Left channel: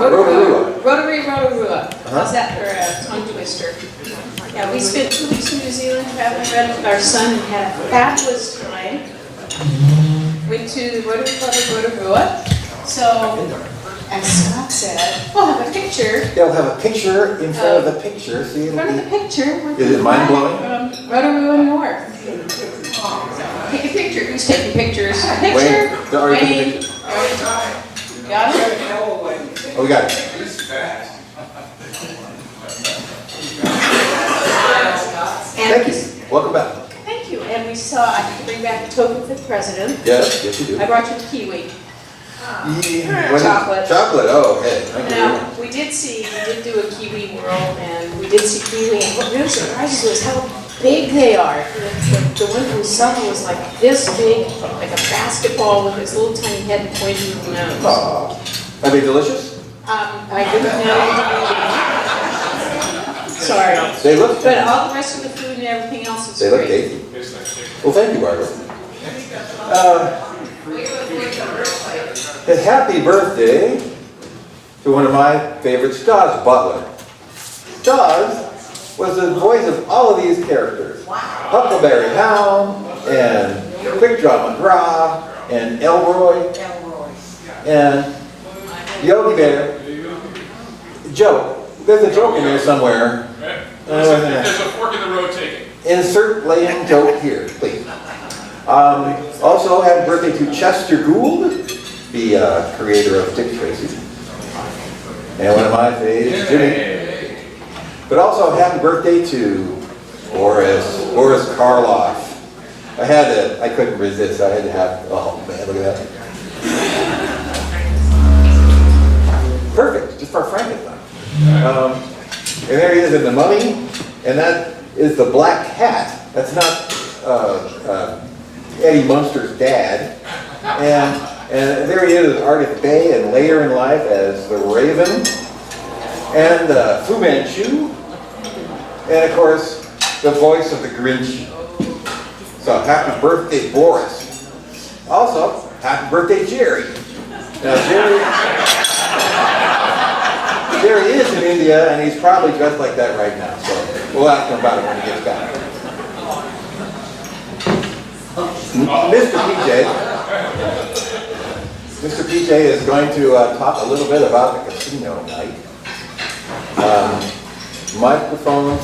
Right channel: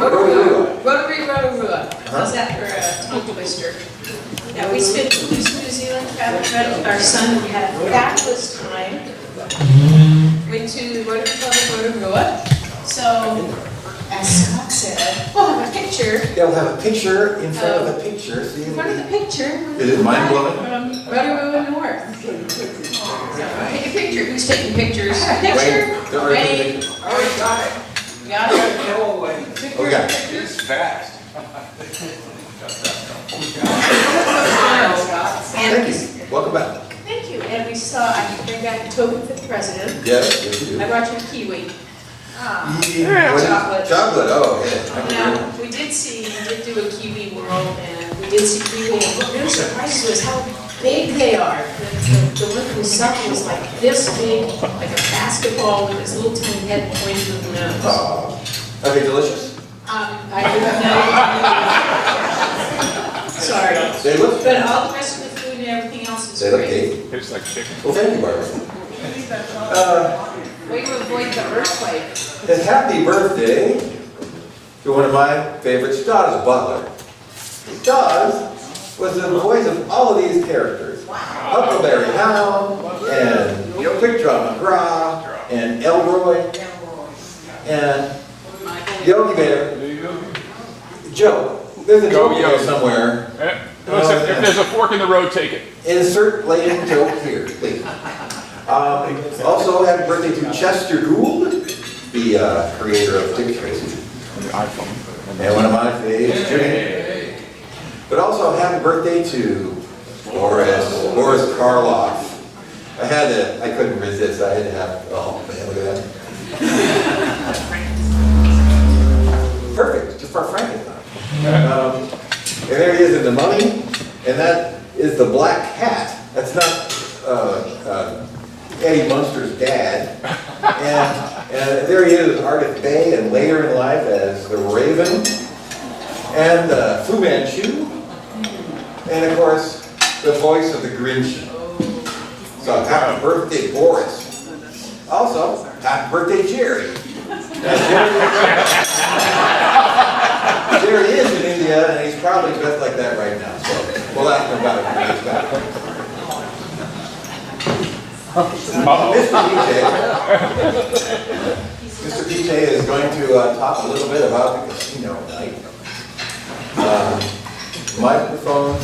Rotary. How's that for a tongue twister? Yeah, we spent 2 weeks in New Zealand traveling with our son and had a fabulous time. Went to the Rotary Club of Rotorua. So, as Scott said, we'll have a picture. Yeah, we'll have a picture in front of the picture. So in front of the picture. Is it mind-blowing? From Rotorua North. So, take a picture. Who's taking pictures? Picture. Wayne. Got it? Oh, we got it. Thank you. Welcome back. Thank you. And we saw, I need to bring back a token for the president. Yes, you do. I brought you the kiwi. Chocolate. Chocolate, oh, okay. Now, we did do a Kiwi World, and we did see kiwi, and what really surprises us is how big they are. The one that we saw was like this big, like a basketball with this little tiny head and pointy little nose. Are they delicious? I didn't know. Sorry. They look. But all the rest of the food and everything else is They look great. tasty. Tastes like chicken. Well, thank you, Barbara. Way to avoid the earthquake. And happy birthday to one of my favorites, Dawes Butler. Dawes was the voice of all of these characters. Huckleberry Hound, and Quick Draw McGraw, and Elroy, and Yogi Bear. Joe, there's a joke in there somewhere. If there's a fork in the road, take it. Insert lame joke here, please. Also, happy birthday to Chester Gould, the creator of Dick Tracy, and one of my faves, Jimmy. But also, happy birthday to Boris Karloff. I couldn't resist. I had to have. Oh man, look at that. Perfect, just for Frankenstein. And there he is in The Mummy, and that is the Black Cat. That's not Eddie Munster's dad. And there he is, Ardith Bay, and later in life as the Raven, and Fu Manchu, and of course, the voice of the Grinch. So happy birthday, Boris. Also, happy birthday, Jerry. Now, Jerry is in India, and he's probably dressed like that right now, so we'll ask him about it when he gets back. Mr. PJ is going to talk a little bit about the casino tonight. Microphone.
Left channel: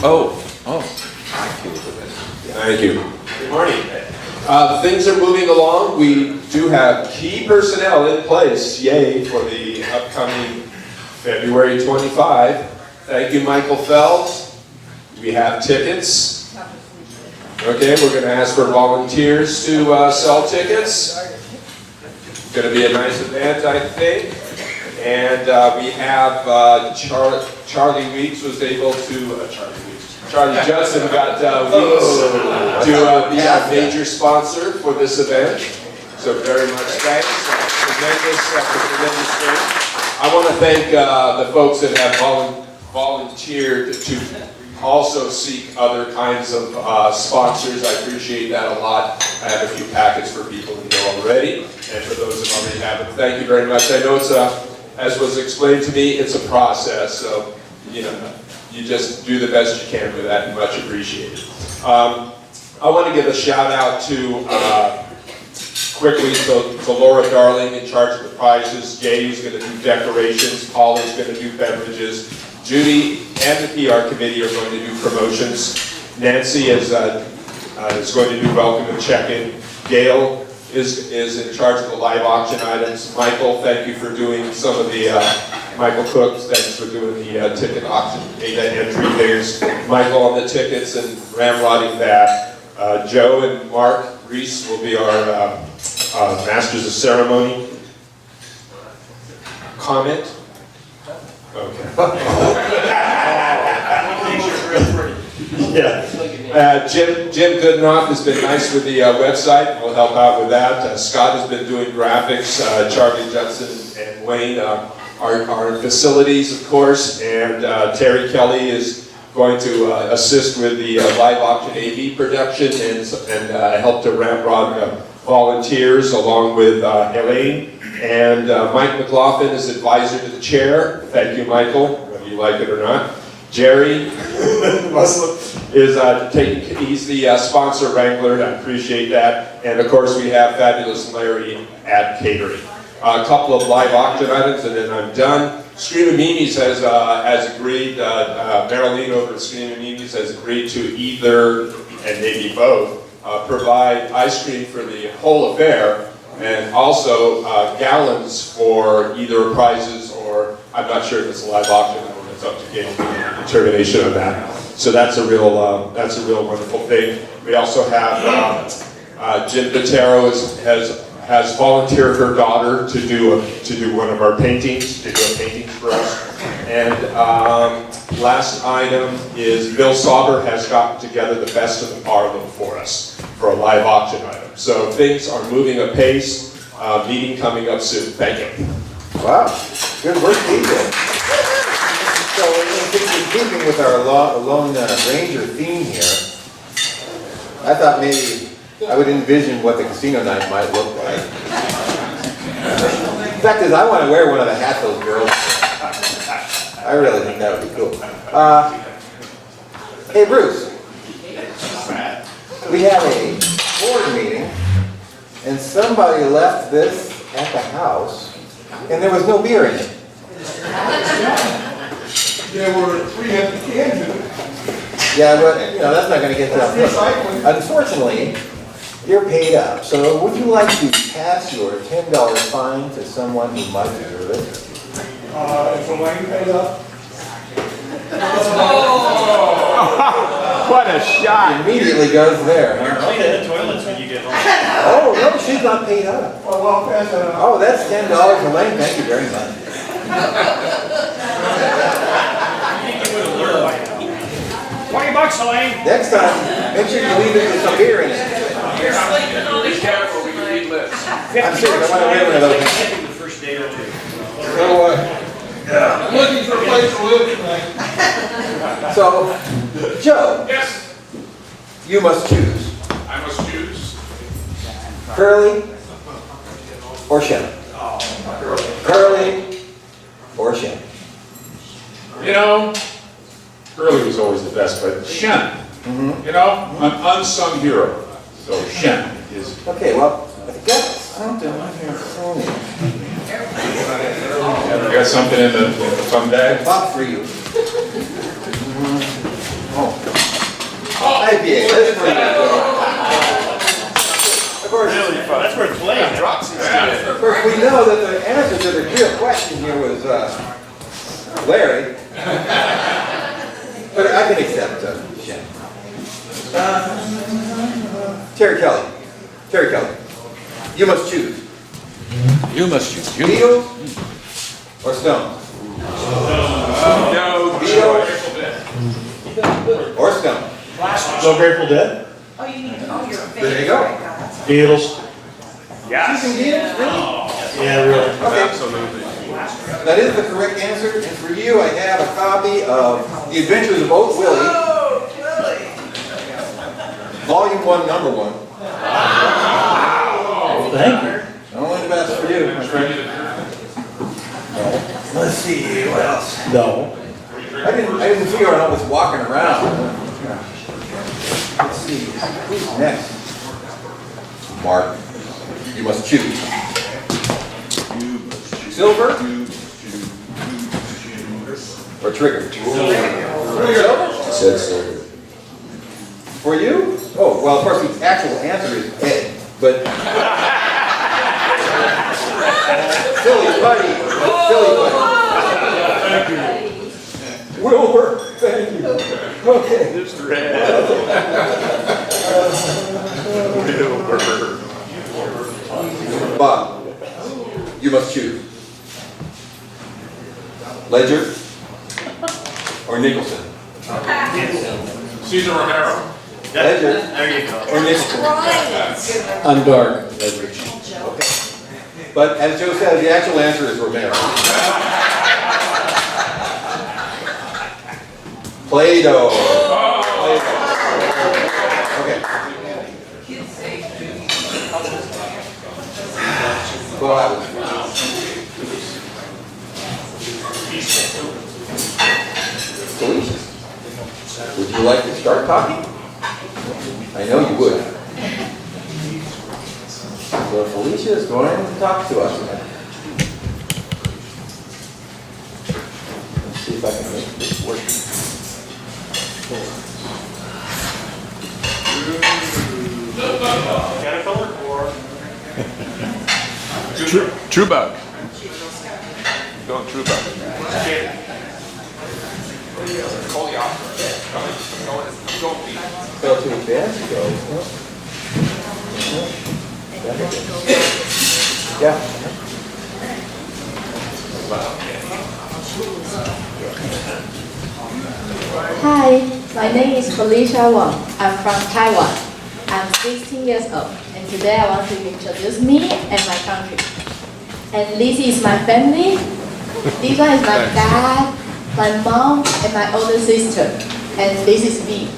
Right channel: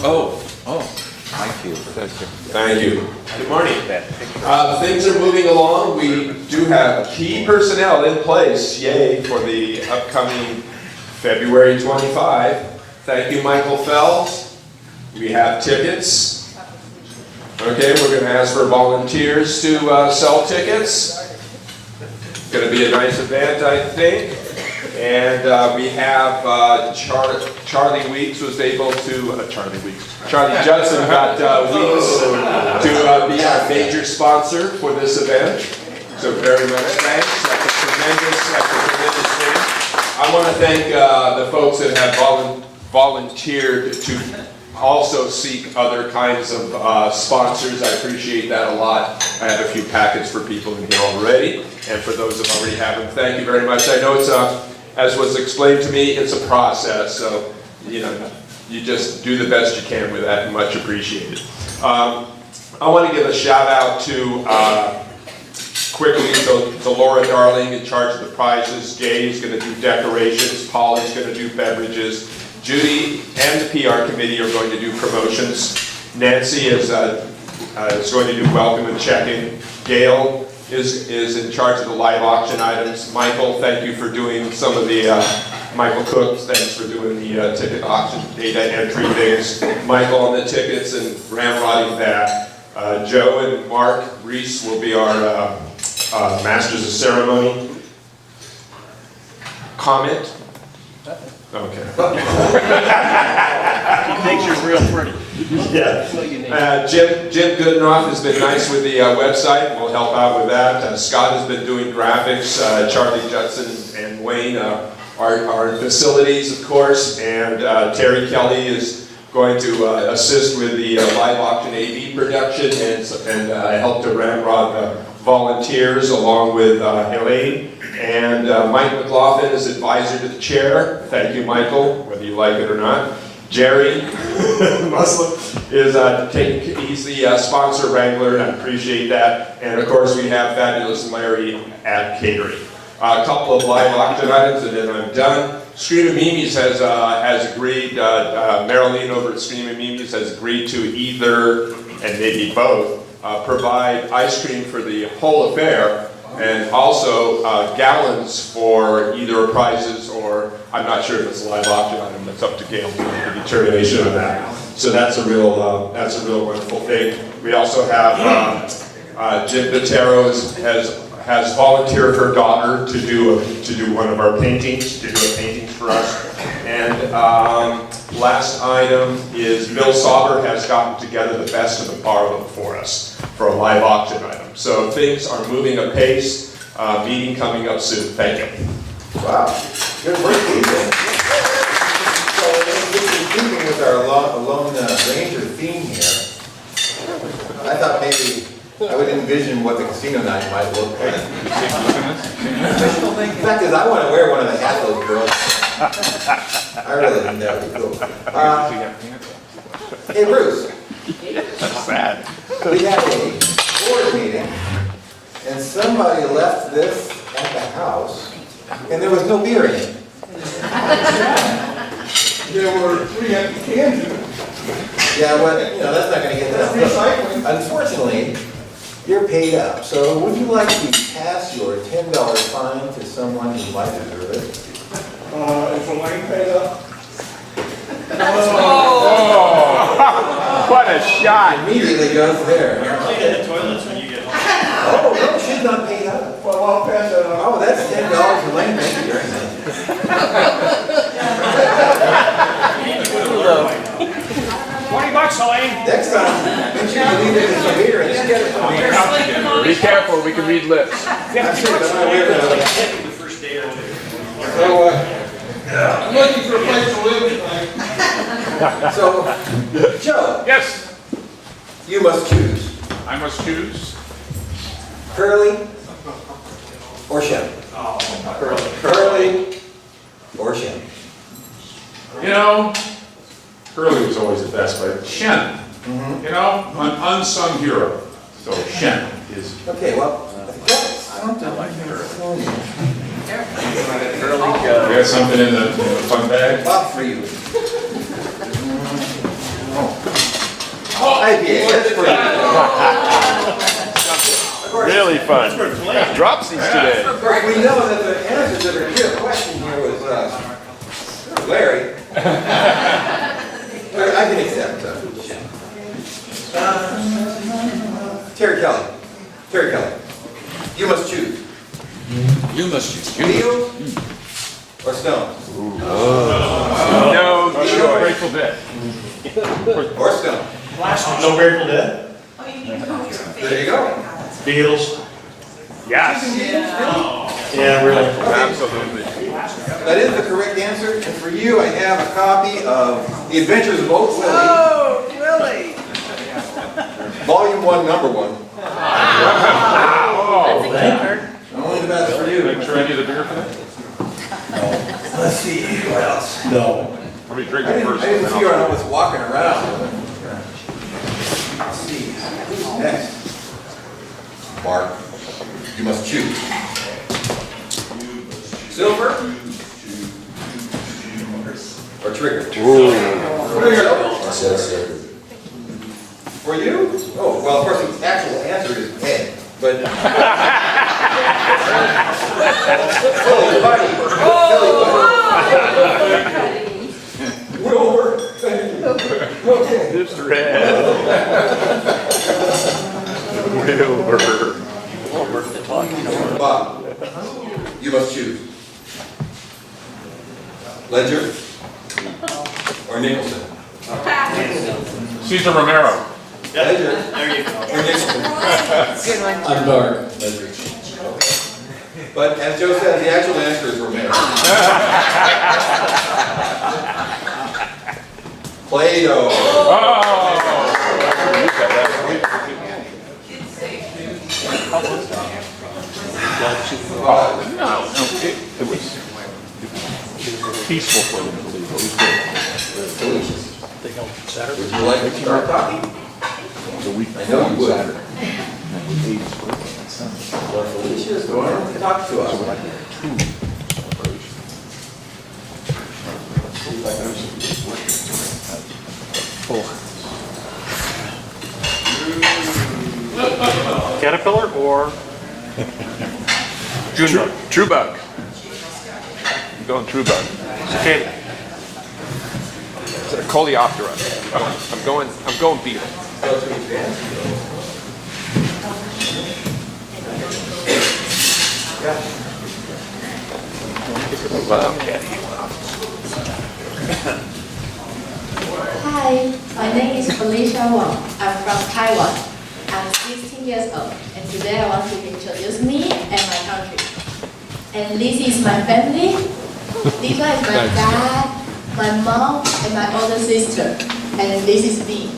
My cue. Thank you. Good morning. Things are moving along. We do have key personnel in place, yay, for the upcoming February 25. Thank you, Michael Phelps. We have tickets. Okay, we're going to ask for volunteers to sell tickets. It's going to be a nice event, I think. And we have Charlie Weeks was able to, Charlie Judson got Weeks to be our major sponsor for this event. So very much thanks. Tremendous thing. I want to thank the folks that have volunteered to also seek other kinds of sponsors. I appreciate that a lot. I have a few packets for people in here already, and for those that already have them, thank you very much. I know it's as was explained to me, it's a process, so you just do the best you can with that, and much appreciated. I want to give a shout out to quickly to Laura Darling in charge of the prizes. Jay is going to do decorations. Paul is going to do beverages. Judy and the PR committee are going to do promotions. Nancy is going to do welcome and check-in. Gail is in charge of the live auction items. Michael, thank you for doing some of the, Michael Cook, thanks for doing the ticket auction data entry things. Michael on the tickets and ramrodding that. Joe and Mark Reese will be our masters of ceremony. Comment? Okay. Makes you real pretty. Yeah. Jim Goodenough has been nice with the website. We'll help out with that. Scott has been doing graphics. Charlie Judson and Wayne our facilities, of course. And Terry Kelly is going to assist with the live auction AV production and help to ramrod volunteers along with Elaine And Mike McLaughlin is advisor to the chair. Thank you, Michael, whether you like it or not. Jerry is he's the sponsor wrangler, and I appreciate that. And of course, we have fabulous Larry at catering. A couple of live auction items, and then I'm done. Scream and Mimi's has agreed, Marilyn over at Scream and Mimi's has agreed to either, and maybe both, provide ice cream for the whole affair, and also gallons for either prizes or, I'm not sure if it's a live auction, it's up to game determination of that. So that's a real wonderful thing. We also have Jim Vitero has volunteered her daughter to do one of our paintings, to do a painting for us. And last item is Bill Sauber has gotten together the best of the Barlow for us for a live auction item. So things are moving apace. Meeting coming up soon. Thank you. Wow, good work, DJ. So in keeping with our Lone Ranger theme here, I thought maybe I would envision what the casino night might look like. The fact is, I want to wear one of the hats those girls. I really think that would be cool. Hey, Bruce. We had a board meeting, and somebody left this at the house, and there was no beer in it. There were 3 empty cans in it. Yeah, well, that's not going to get that. Unfortunately, you're paid up. So would you like to pass your $10 fine to someone who might deserve it? Is Elaine paid up? What a shot. Immediately goes there. Cleaning the toilets when you get home. Oh, no, she's not paid up. Well, I'll pass that on. Oh, that's $10, Elaine. Thank you very much. You would have learned by now. $20, Elaine. Next time, make sure you leave it with some beer in it. Be careful, we can read lips. I'm serious, I want to wear one of those hats. Taking the first day or two. So, I'm looking for a place to live tonight. so, Joe, Yes, you must choose I must choose. Curly or Shem. Curly or Shem. You know, Curly was always the best, but Shen, you know, an unsung hero. So Shen is. Okay, well, I've got something in here for you. You got something in the fun bag? Bob for you. IPA, that's for you. Of course, That's worth playing. of course, we know that the answer to the real question here was Larry. But I can accept Shem. Terry Kelly. Terry Kelly. You must choose. You must choose. Beatles or Stones? No, Grateful Dead. Or Stones? So Grateful Dead? There you go. Beatles? Choosing Beatles, really? Yeah, really. Okay. That is the correct answer, and for you, I have a copy of The Adventures of Old Willie. Oh, Willie! Volume 1, number 1. Thank you. Only the best for you. Should I need a beer for that? Let's see, what else? No. Are we I drinking didn't first? figure out I was walking around. Let's see, who's next? Mark, you must choose. Silver or trigger? For you? Oh, well, of course, the actual answer is egg, but... Silly buddy. Silly buddy. Will work, thank you. Okay. Bob, you must choose. Ledger or Nicholson? Cesar Romero. Ledger There you go. or Nicholson? I'm dark. Ledger. Okay. But as Joe said, the actual answer is Romero. Play-Doh. Okay. Wow. Felicia, would you like to start talking? I know you would. So Felicia is going to talk to us. Let's see if I can make this work. Caterpillar or? Trubo. Okay. Call the opera. I'm going beat. So to advance, go. Yeah. Hi, my name is Felicia Wang. I'm from Taiwan. I'm 16 years old, and today I want to introduce me and my country. And this is my family. This one is my dad, my mom, and my older sister. And this is me.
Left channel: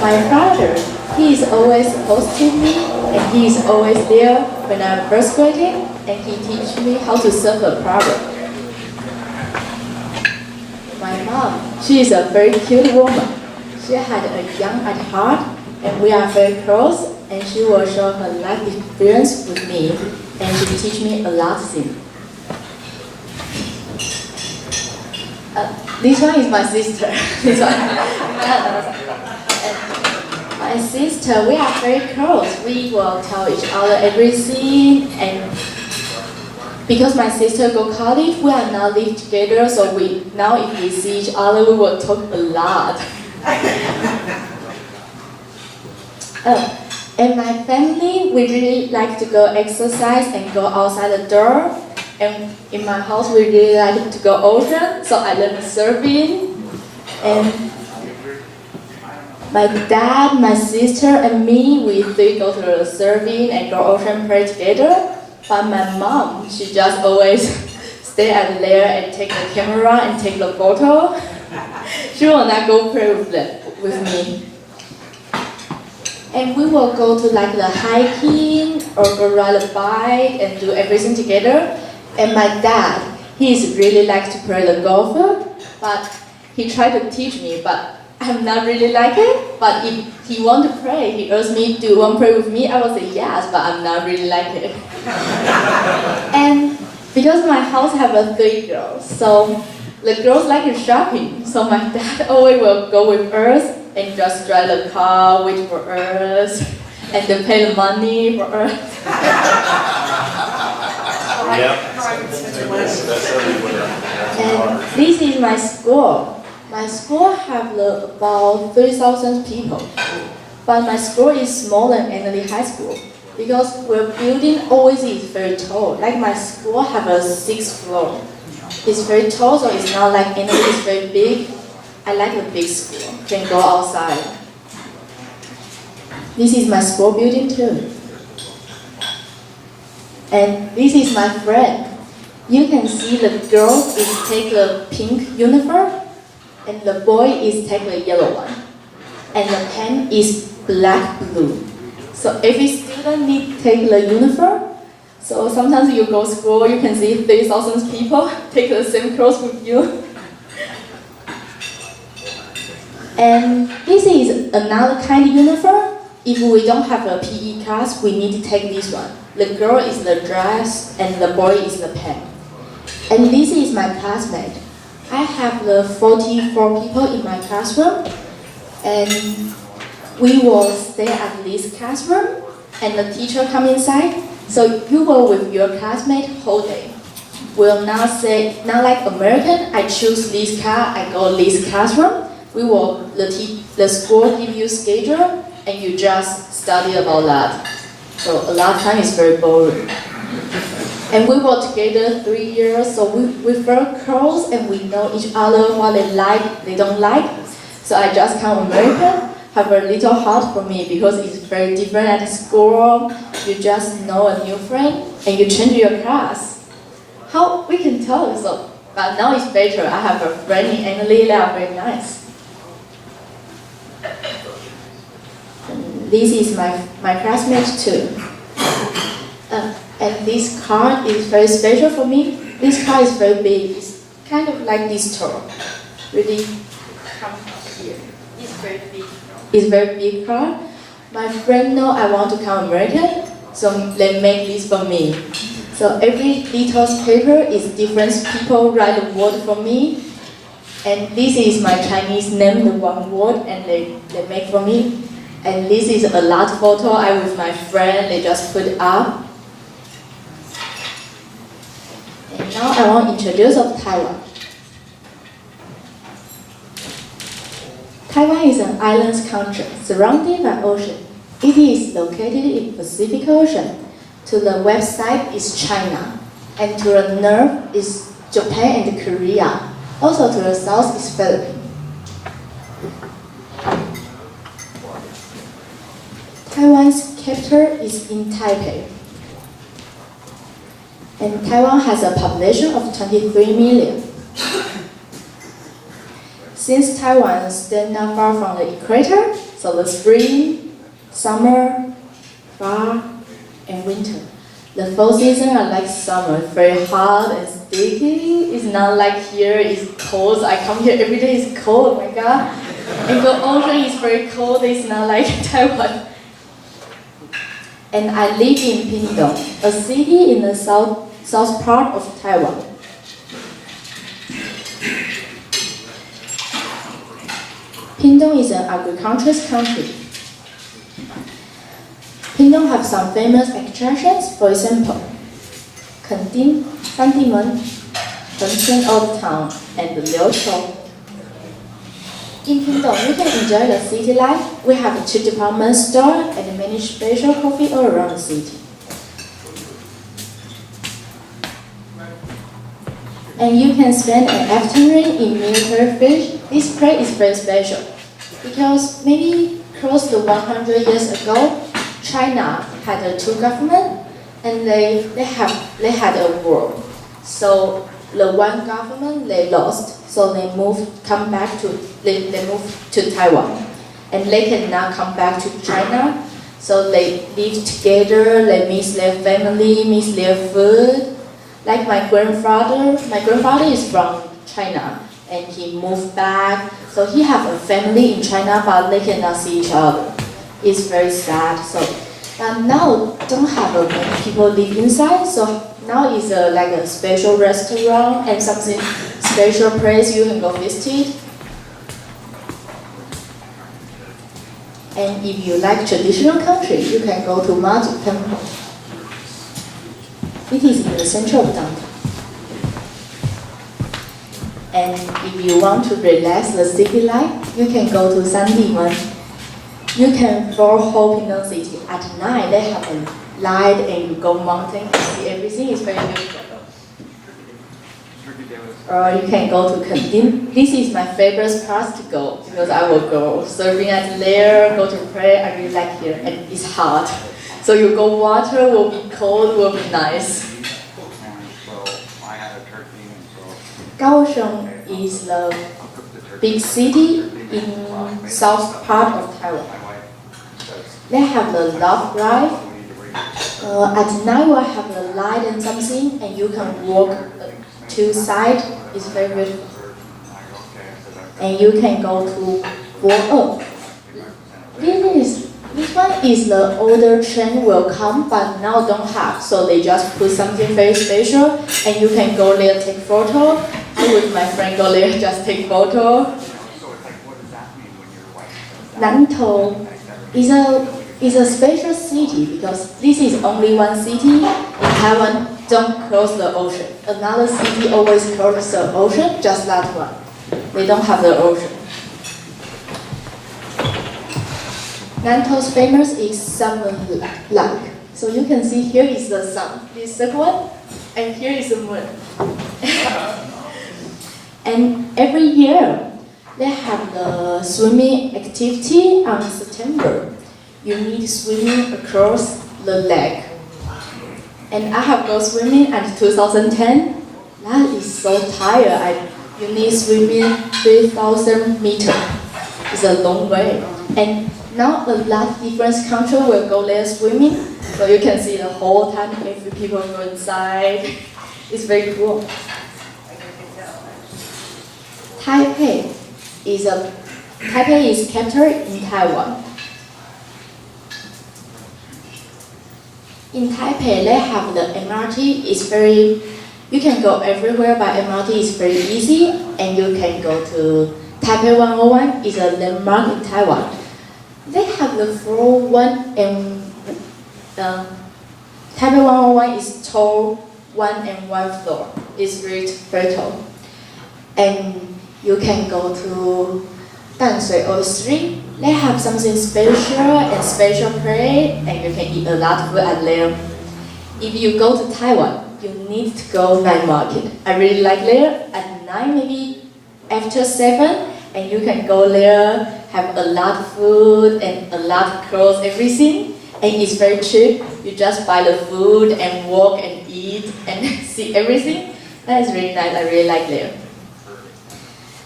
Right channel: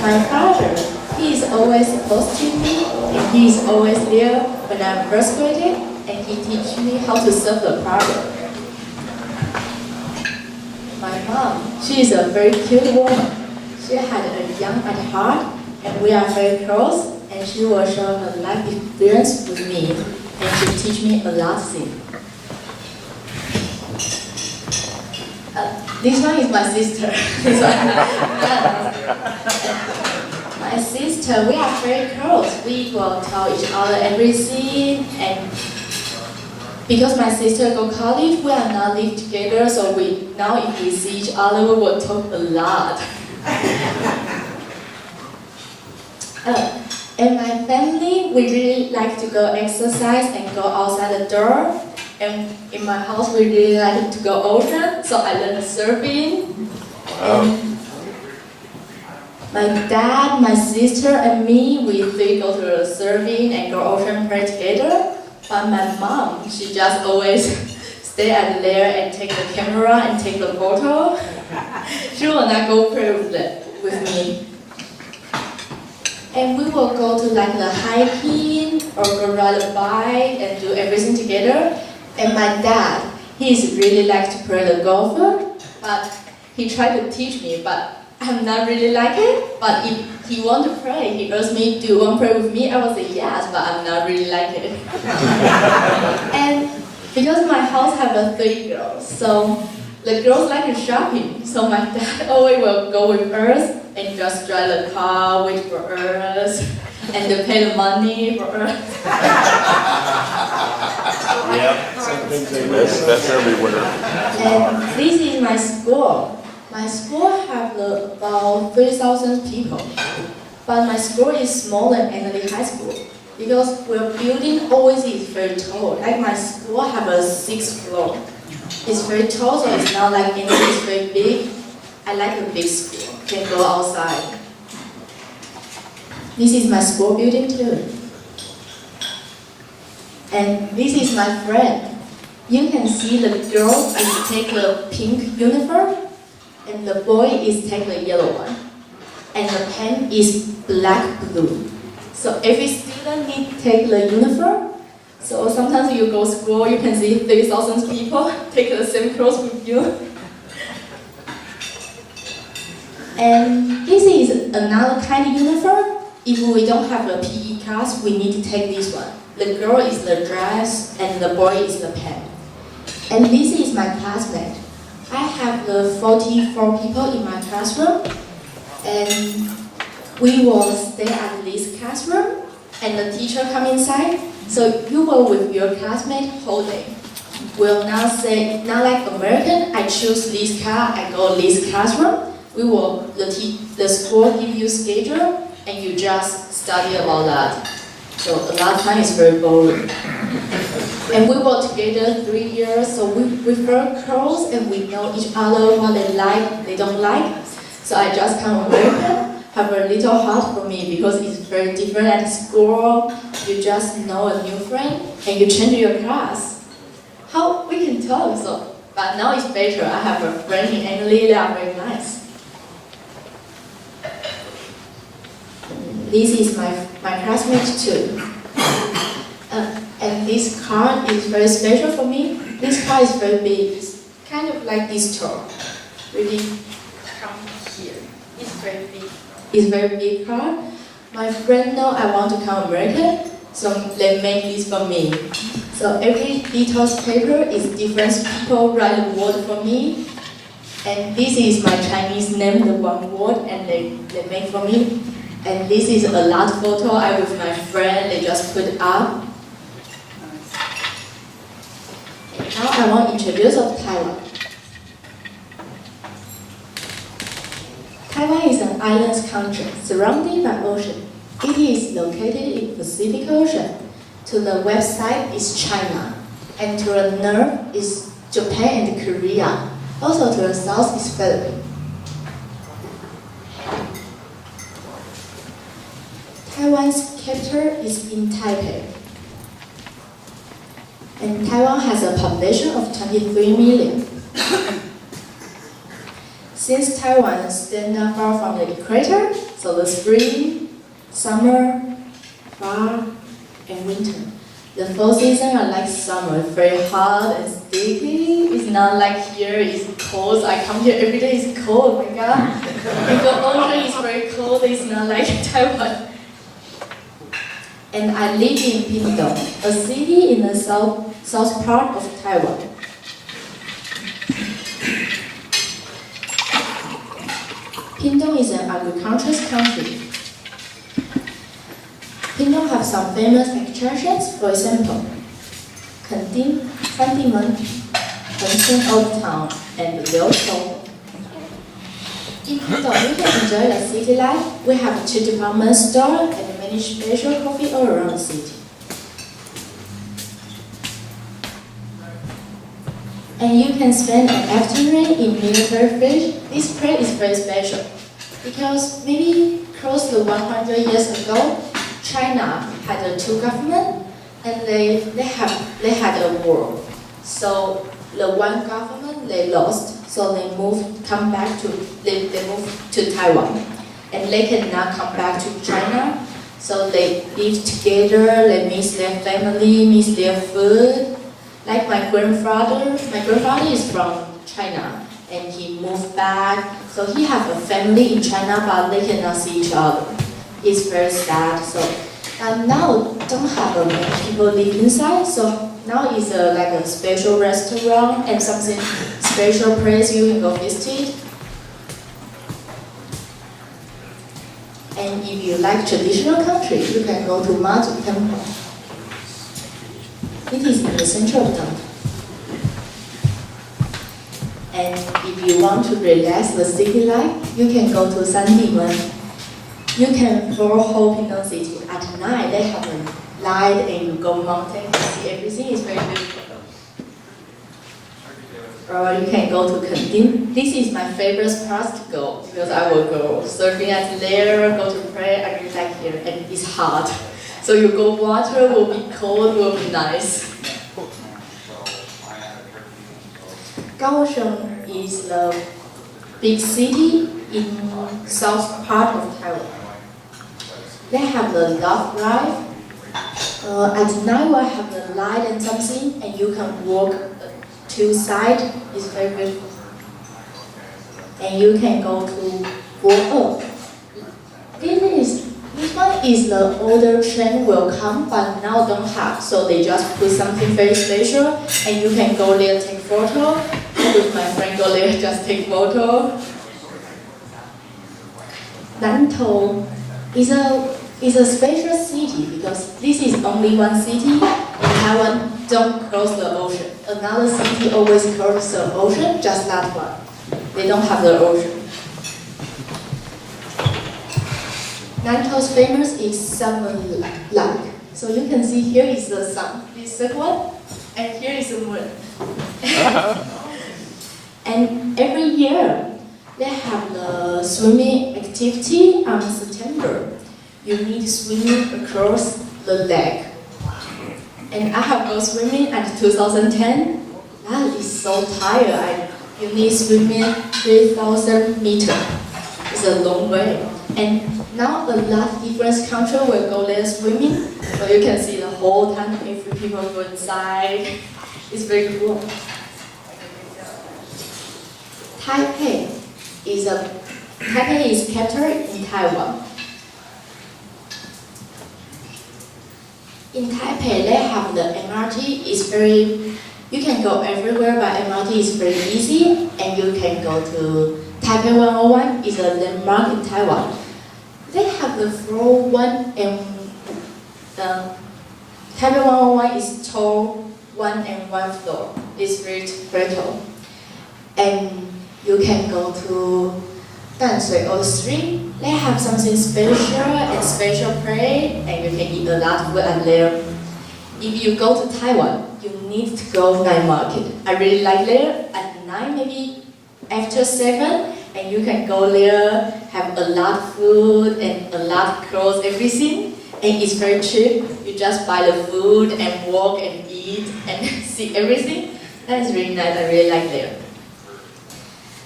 My father, he is always supposed to me, and he is always there when I'm first grading, and he teach me how to solve a problem. My mom, she is a very cute woman. She had a young at heart, and we are very close, and she will share her life experience with me, and she teach me a lot of things. This one is my sister. This one. My sister, we are very close. We will tell each other everything, and because my sister go college, we are now live together. So now if we see each other, we will talk a lot. And my family, we really like to go exercise and go outside the door. And in my house, we really like to go ocean, so I learned surfing. And my dad, my sister, and me, we three go to the surfing and go ocean play together. But my mom, she just always stay at there and take the camera and take the photo. She will not go play with me. And we will go to like the hiking or go ride a bike and do everything together. And my dad, he is really like to play the golfer, but he tried to teach me, but I'm not really like it. But if he want to play, he asked me, do you want to play with me? I will say yes, but I'm not really like it. And because my house have 3 girls, so the girls like shopping, so my dad always will go with us and just drive the car, wait for us, and then pay the money for us. Yep. And this is my school. My school have about 3,000 people, but my school is smaller than Emily High School because our building always is very tall. Like my school have a 6th floor. It's very tall, so it's not like Emily is very big. I like the big school. Can go outside. This is my school building too. And this is my friend. You can see the girl is take the pink uniform, and the boy is take the yellow one. And the pen is black blue. So every student need take the uniform. So sometimes you go to school, you can see 3,000 people take the same clothes with you. And this is another kind of uniform. If we don't have a PE class, we need to take this one. The girl is the dress and the boy is the pen. And this is my classmate. I have the 44 people in my classroom, and we will stay at this classroom, and the teacher come inside. So you will with your classmate whole day. Will not say, not like American, I choose this class, I go this classroom. We will, the school give you schedule, and you just study about that. So a lot of time is very boring. And we were together 3 years, so we very close and we know each other what they like, they don't like. So I just come American, have a little hard for me because it's very different at school. You just know a new friend and you change your class. How we can talk, so but now it's better. I have a friend in Emily, they are very nice. This is my classmate too. And this card is very special for me. This card is very big. It's kind of like this tour. Really come here. It's very big. It's very big card. My friend know I want to come American, so they make this for me. So every little paper is different people write the word for me. And this is my Chinese name, the one word, and they make for me. And this is a lot photo I with my friend, they just put up. And now I want to introduce of Taiwan. Taiwan is an island country surrounded by ocean. It is located in Pacific Ocean. To the west side is China, and to the north is Japan and Korea. Also to the south is Philippines. Taiwan's capital is in Taipei. And Taiwan has a population of 23 million. Since Taiwan stands not far from the equator, so the spring, summer, fall, and winter. The fall season are like summer, very hot and sticky. It's not like here, it's cold. I come here every day, it's cold, oh my god. And the ocean is very cold, it's not like Taiwan. And I live in Pingdong, a city in the south part of Taiwan. Pingdong is an agricultural country. Pingdong have some famous attractions, for example, Kending, Sandimen, Hengshen Old Town, and Liuchou. In Pingdong, you can enjoy the city life. We have 2 department stores and many special coffee all around the city. And you can spend an afternoon in military village. This place is very special because maybe close to 100 years ago, China had 2 governments and they had a war. So the one government they lost, so they moved to Taiwan, and they cannot come back to China. So they live together. They miss their family, miss their food. Like my grandfather is from China, and he moved back. So he have a family in China, but they cannot see each other. It's very sad. So, but now don't have many people live inside. So now it's like a special restaurant and something special place you can go visit. And if you like traditional country, you can go to Mazu Temple. It is in the center of downtown. And if you want to relax the city life, you can go to Sandimen. You can follow whole Pingdong city. At night, they have a light and you go mountain and see everything is very beautiful. Or you can go to Kending. This is my favorite part to go because I will go surfing at there, go to pray. I really like here and it's hot. So you go water will be cold, will be nice. Kaohsiung is the big city in south part of Taiwan. They have the love drive. At night we have the light and something, and you can walk to side. It's very beautiful. And you can go to Bo. This one is the older train will come, but now don't have. So they just put something very special, and you can go there take photo. With my friend go there just take photo. Nantou is a special city because this is only one city in Taiwan don't cross the ocean. Another city always cross the ocean, just that one. They don't have the ocean. Nantou's famous is Sun Lake. So you can see here is the sun, this second one, and here is the moon. And every year, they have the swimming activity on September. You need swimming across the lake. And I have gone swimming at 2010. That is so tired. You need swimming 3,000 meters. It's a long way. And now a lot of different countries will go there swimming. So you can see the whole time if people go inside. It's very cool. Taipei is capital in Taiwan. In Taipei, they have the MRT. It's very, you can go everywhere by MRT. It's very easy, and you can go to Taipei 101. It's a landmark in Taiwan. They have the floor 1 and Taipei 101 is tall 1 and 1 floor. It's very tall, and you can go to Danshui or Street. They have something special and special play, and you can eat a lot of food at there. If you go to Taiwan, you need to go night market. I really like there at night, maybe after 7, and you can go there, have a lot of food and a lot of clothes, everything, and it's very cheap. You just buy the food and walk and eat and see everything. That is really nice. I really like there.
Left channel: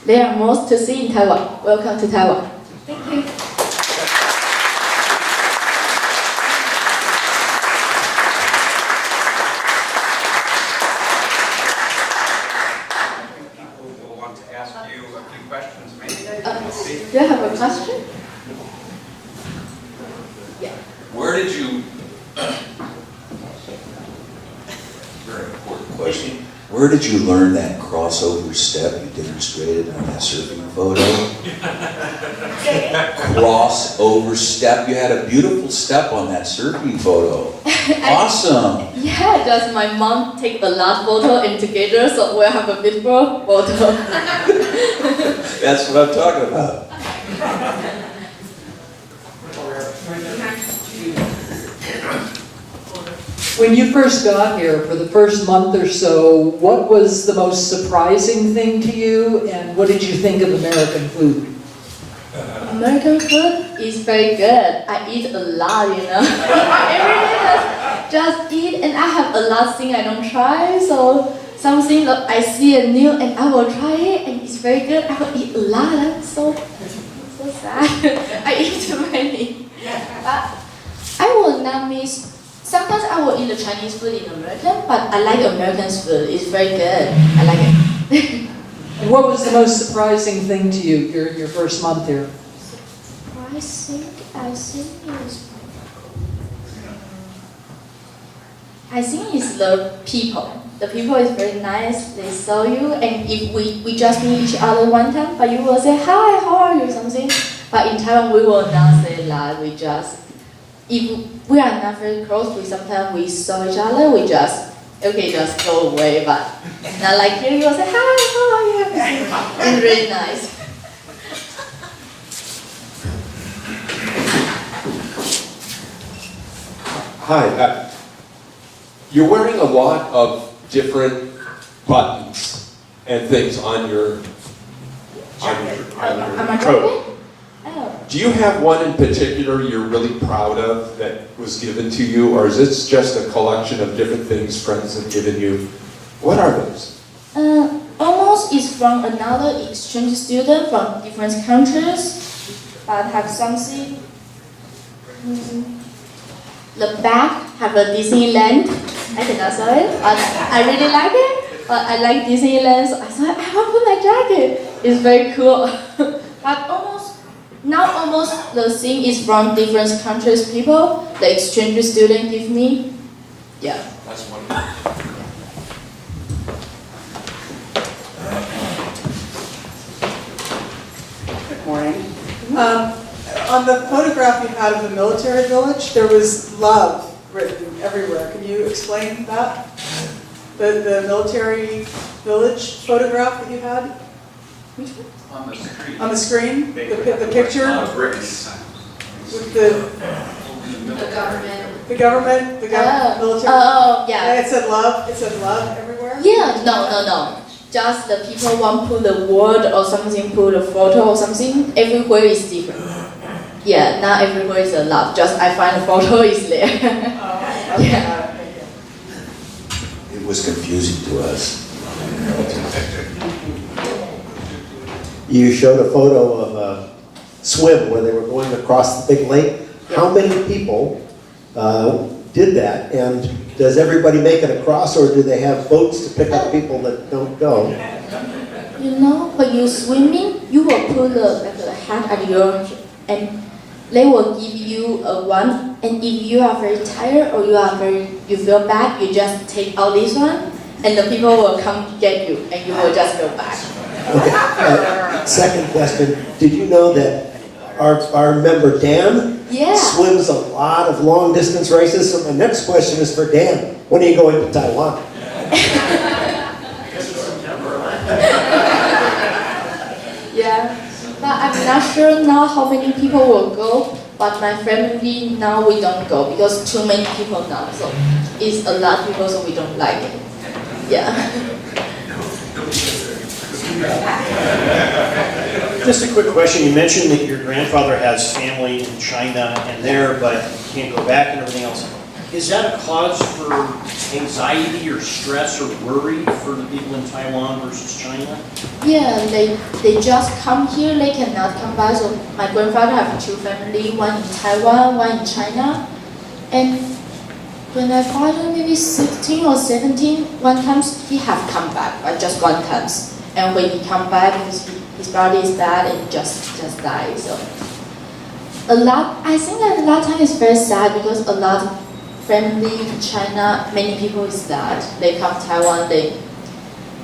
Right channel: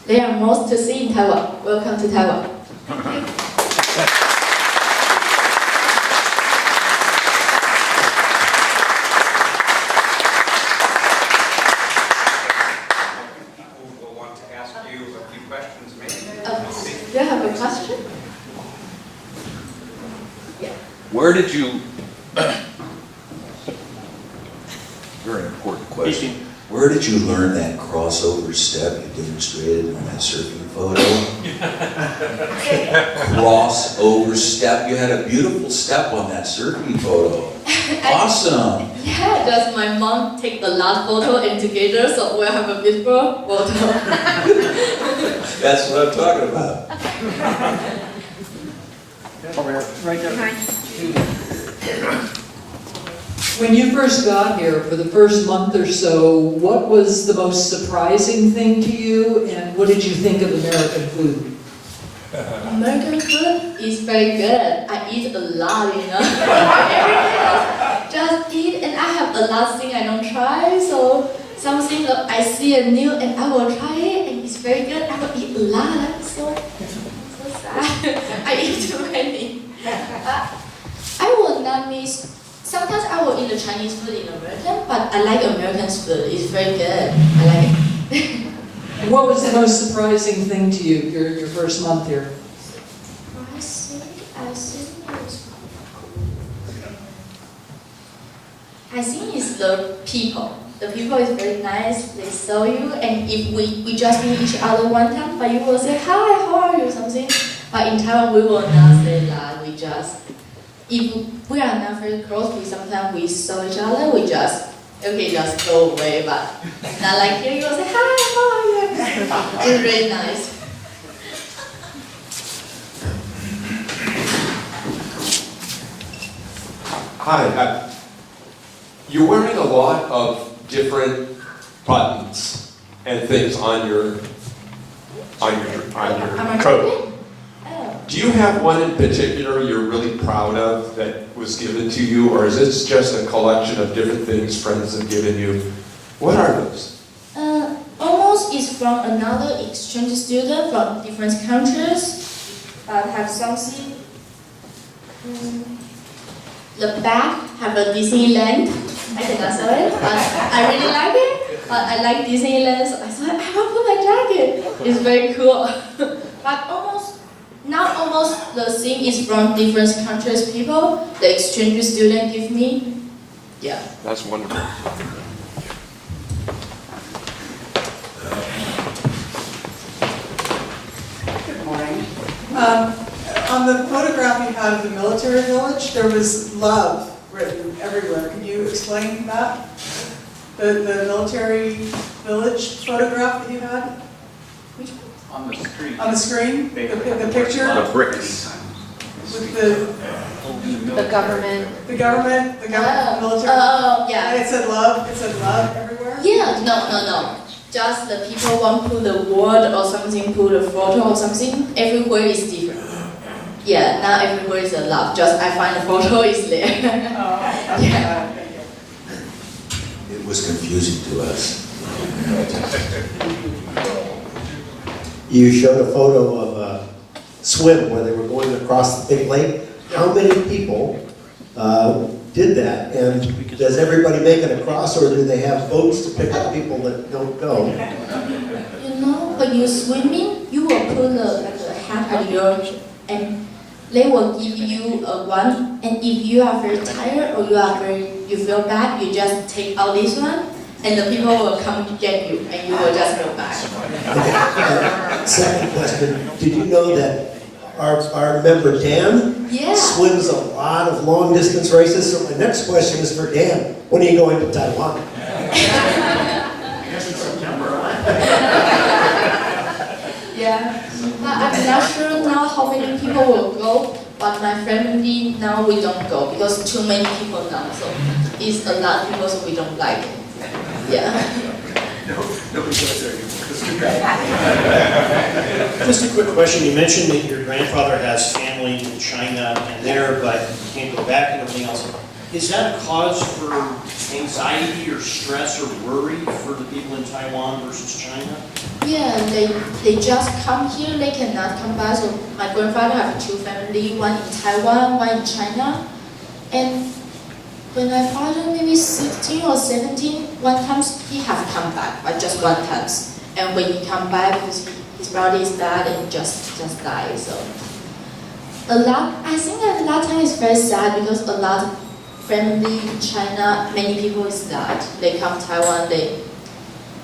There are most to see in Taiwan. Welcome to Taiwan. Thank you. People will want to ask you a few questions, maybe? Do you have a question? Yeah. Where did you, very important question. Where did you learn that crossover step you demonstrated on that surfing photo? Crossover step. You had a beautiful step on that surfing photo. Awesome. Yeah, just my mom take the last photo and together, so we have a beautiful photo. That's what I'm talking about. When you first got here, for the first month or so, what was the most surprising thing to you, and what did you think of American food? American food is very good. I eat a lot, you know. Every day just eat, and I have a lot of things I don't try. So something that I see a new and I will try it, and it's very good. I will eat a lot. I'm so sad. I eat too many. But I will not miss. Sometimes I will eat the Chinese food in American, but I like American food. It's very good. I like it. And what was the most surprising thing to you your first month here? I think it's the people. The people is very nice. They saw you, and if we just meet each other one time, but you will say hi, how are you, something. But in Taiwan, we will not say that. We just, if we are not very close, sometimes we saw each other. We just just go away. But not like here. You will say hi, how are you? It's really nice. Hi, you're wearing a lot of different buttons and things on your Am I coat. talking? Oh. Do you have one in particular you're really proud of that was given to you, or is this just a collection of different things friends have given you? What are those? Almost is from another exchange student from different countries, but have something. The back have a Disneyland. I cannot show it, but I really like it. But I like Disneyland, so I thought I want to put my jacket. It's very cool. But almost the thing is from different countries people. The exchange student give me. Yeah. That's wonderful. Good morning. On the photograph you had of the military village, there was love written everywhere. Can you explain that? The military village photograph that you had? Which one? On the street. On the screen? The picture? Bricks. With The government. the government, military? Oh, yeah. And it said love everywhere? Yeah, no. Just the people want put the word or something, put a photo or something. Everywhere is different. Yeah, not everywhere is a love. Just I find the photo is there. Okay. Yeah. Thank you. It was confusing to us. You showed a photo of a swim where they were going across the big lake. How many people did that, and does everybody make it across, or do they have boats to pick up people that don't go? You know, when you're swimming, you will put a hat at your, and they will give you a one, and if you are very tired or you feel bad, you just take out this one, and the people will come get you, and you will just go back. Okay. Second question, did you know that our member Dan swims a lot of long distance races? So my next question is for Dan. When are you going to Taiwan? Yeah, but I'm not sure now how many people will go, but my family now we don't go because too many people now, so it's a lot of people, so we don't like it. Yeah. Just a quick question. You mentioned that your grandfather has family in China and there, but you can't go back and everything else. Is that a cause for anxiety or stress or worry for the people in Taiwan versus China? Yeah, they just come here, they cannot come back. So my grandfather have two families, one in Taiwan, one in China. And when my father maybe 16 or 17, one time he have come back, but just one time. And when he come back, because his body is bad and just died. So I think a lot of times it's very sad because a lot of family in China, many people is that they come to Taiwan, they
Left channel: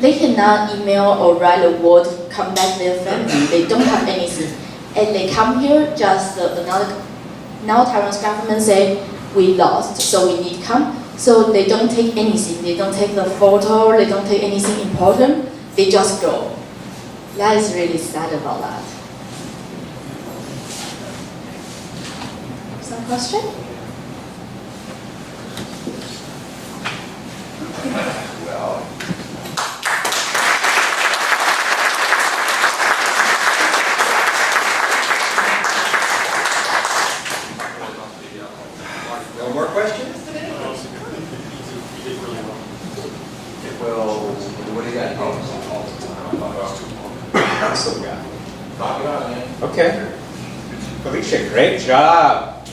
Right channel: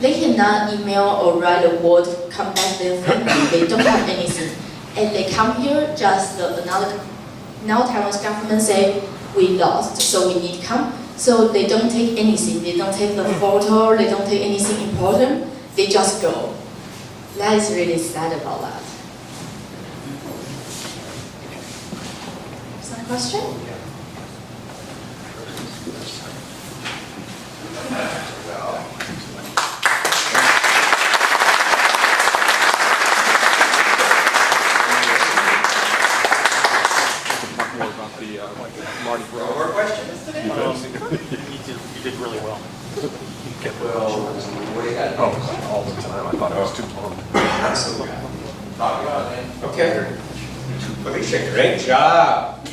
cannot email or write a word, come back to their family, they don't have anything. And they come here, just now Taiwan's government say, we lost, so we need to come. So they don't take anything, they don't take the photo, they don't take anything important, they just go. That is really sad about that. Some question? No more questions today? Well, what do you got? Talk about it, man. Okay. Felicia, great job.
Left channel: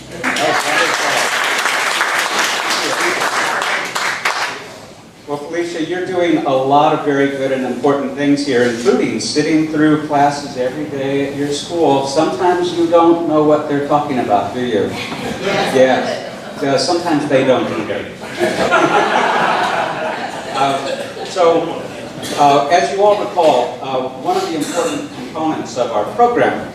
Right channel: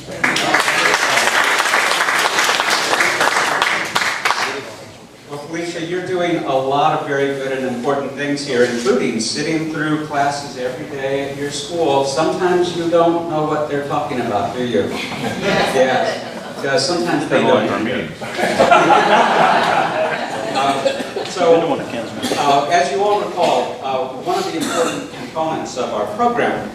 Well, Felicia, you're doing a lot of very good and important things here, including sitting through classes every day at your school. Sometimes you don't know what they're talking about, do you? Yeah. Sometimes they don't either. As you all recall, one of the important components of our program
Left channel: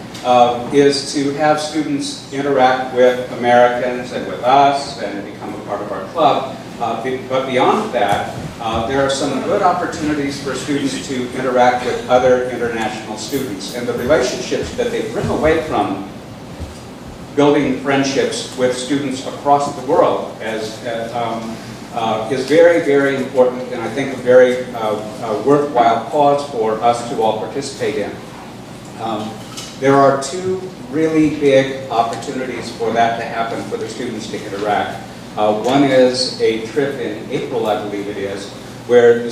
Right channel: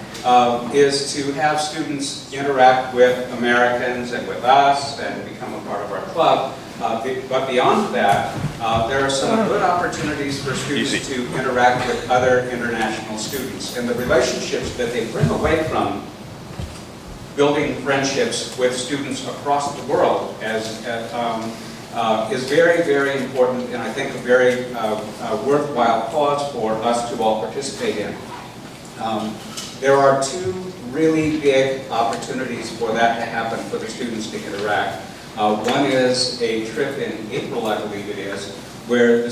is to have students interact with Americans and with us and become a part of our club. But beyond that, there are some good opportunities for students to interact with other international students. And the relationships that they bring away from building friendships with students across the world is very, very important, and I think a very worthwhile cause for us to all participate in. There are two really big opportunities for that to happen, for the students to interact. One is a trip in April, I believe it is, where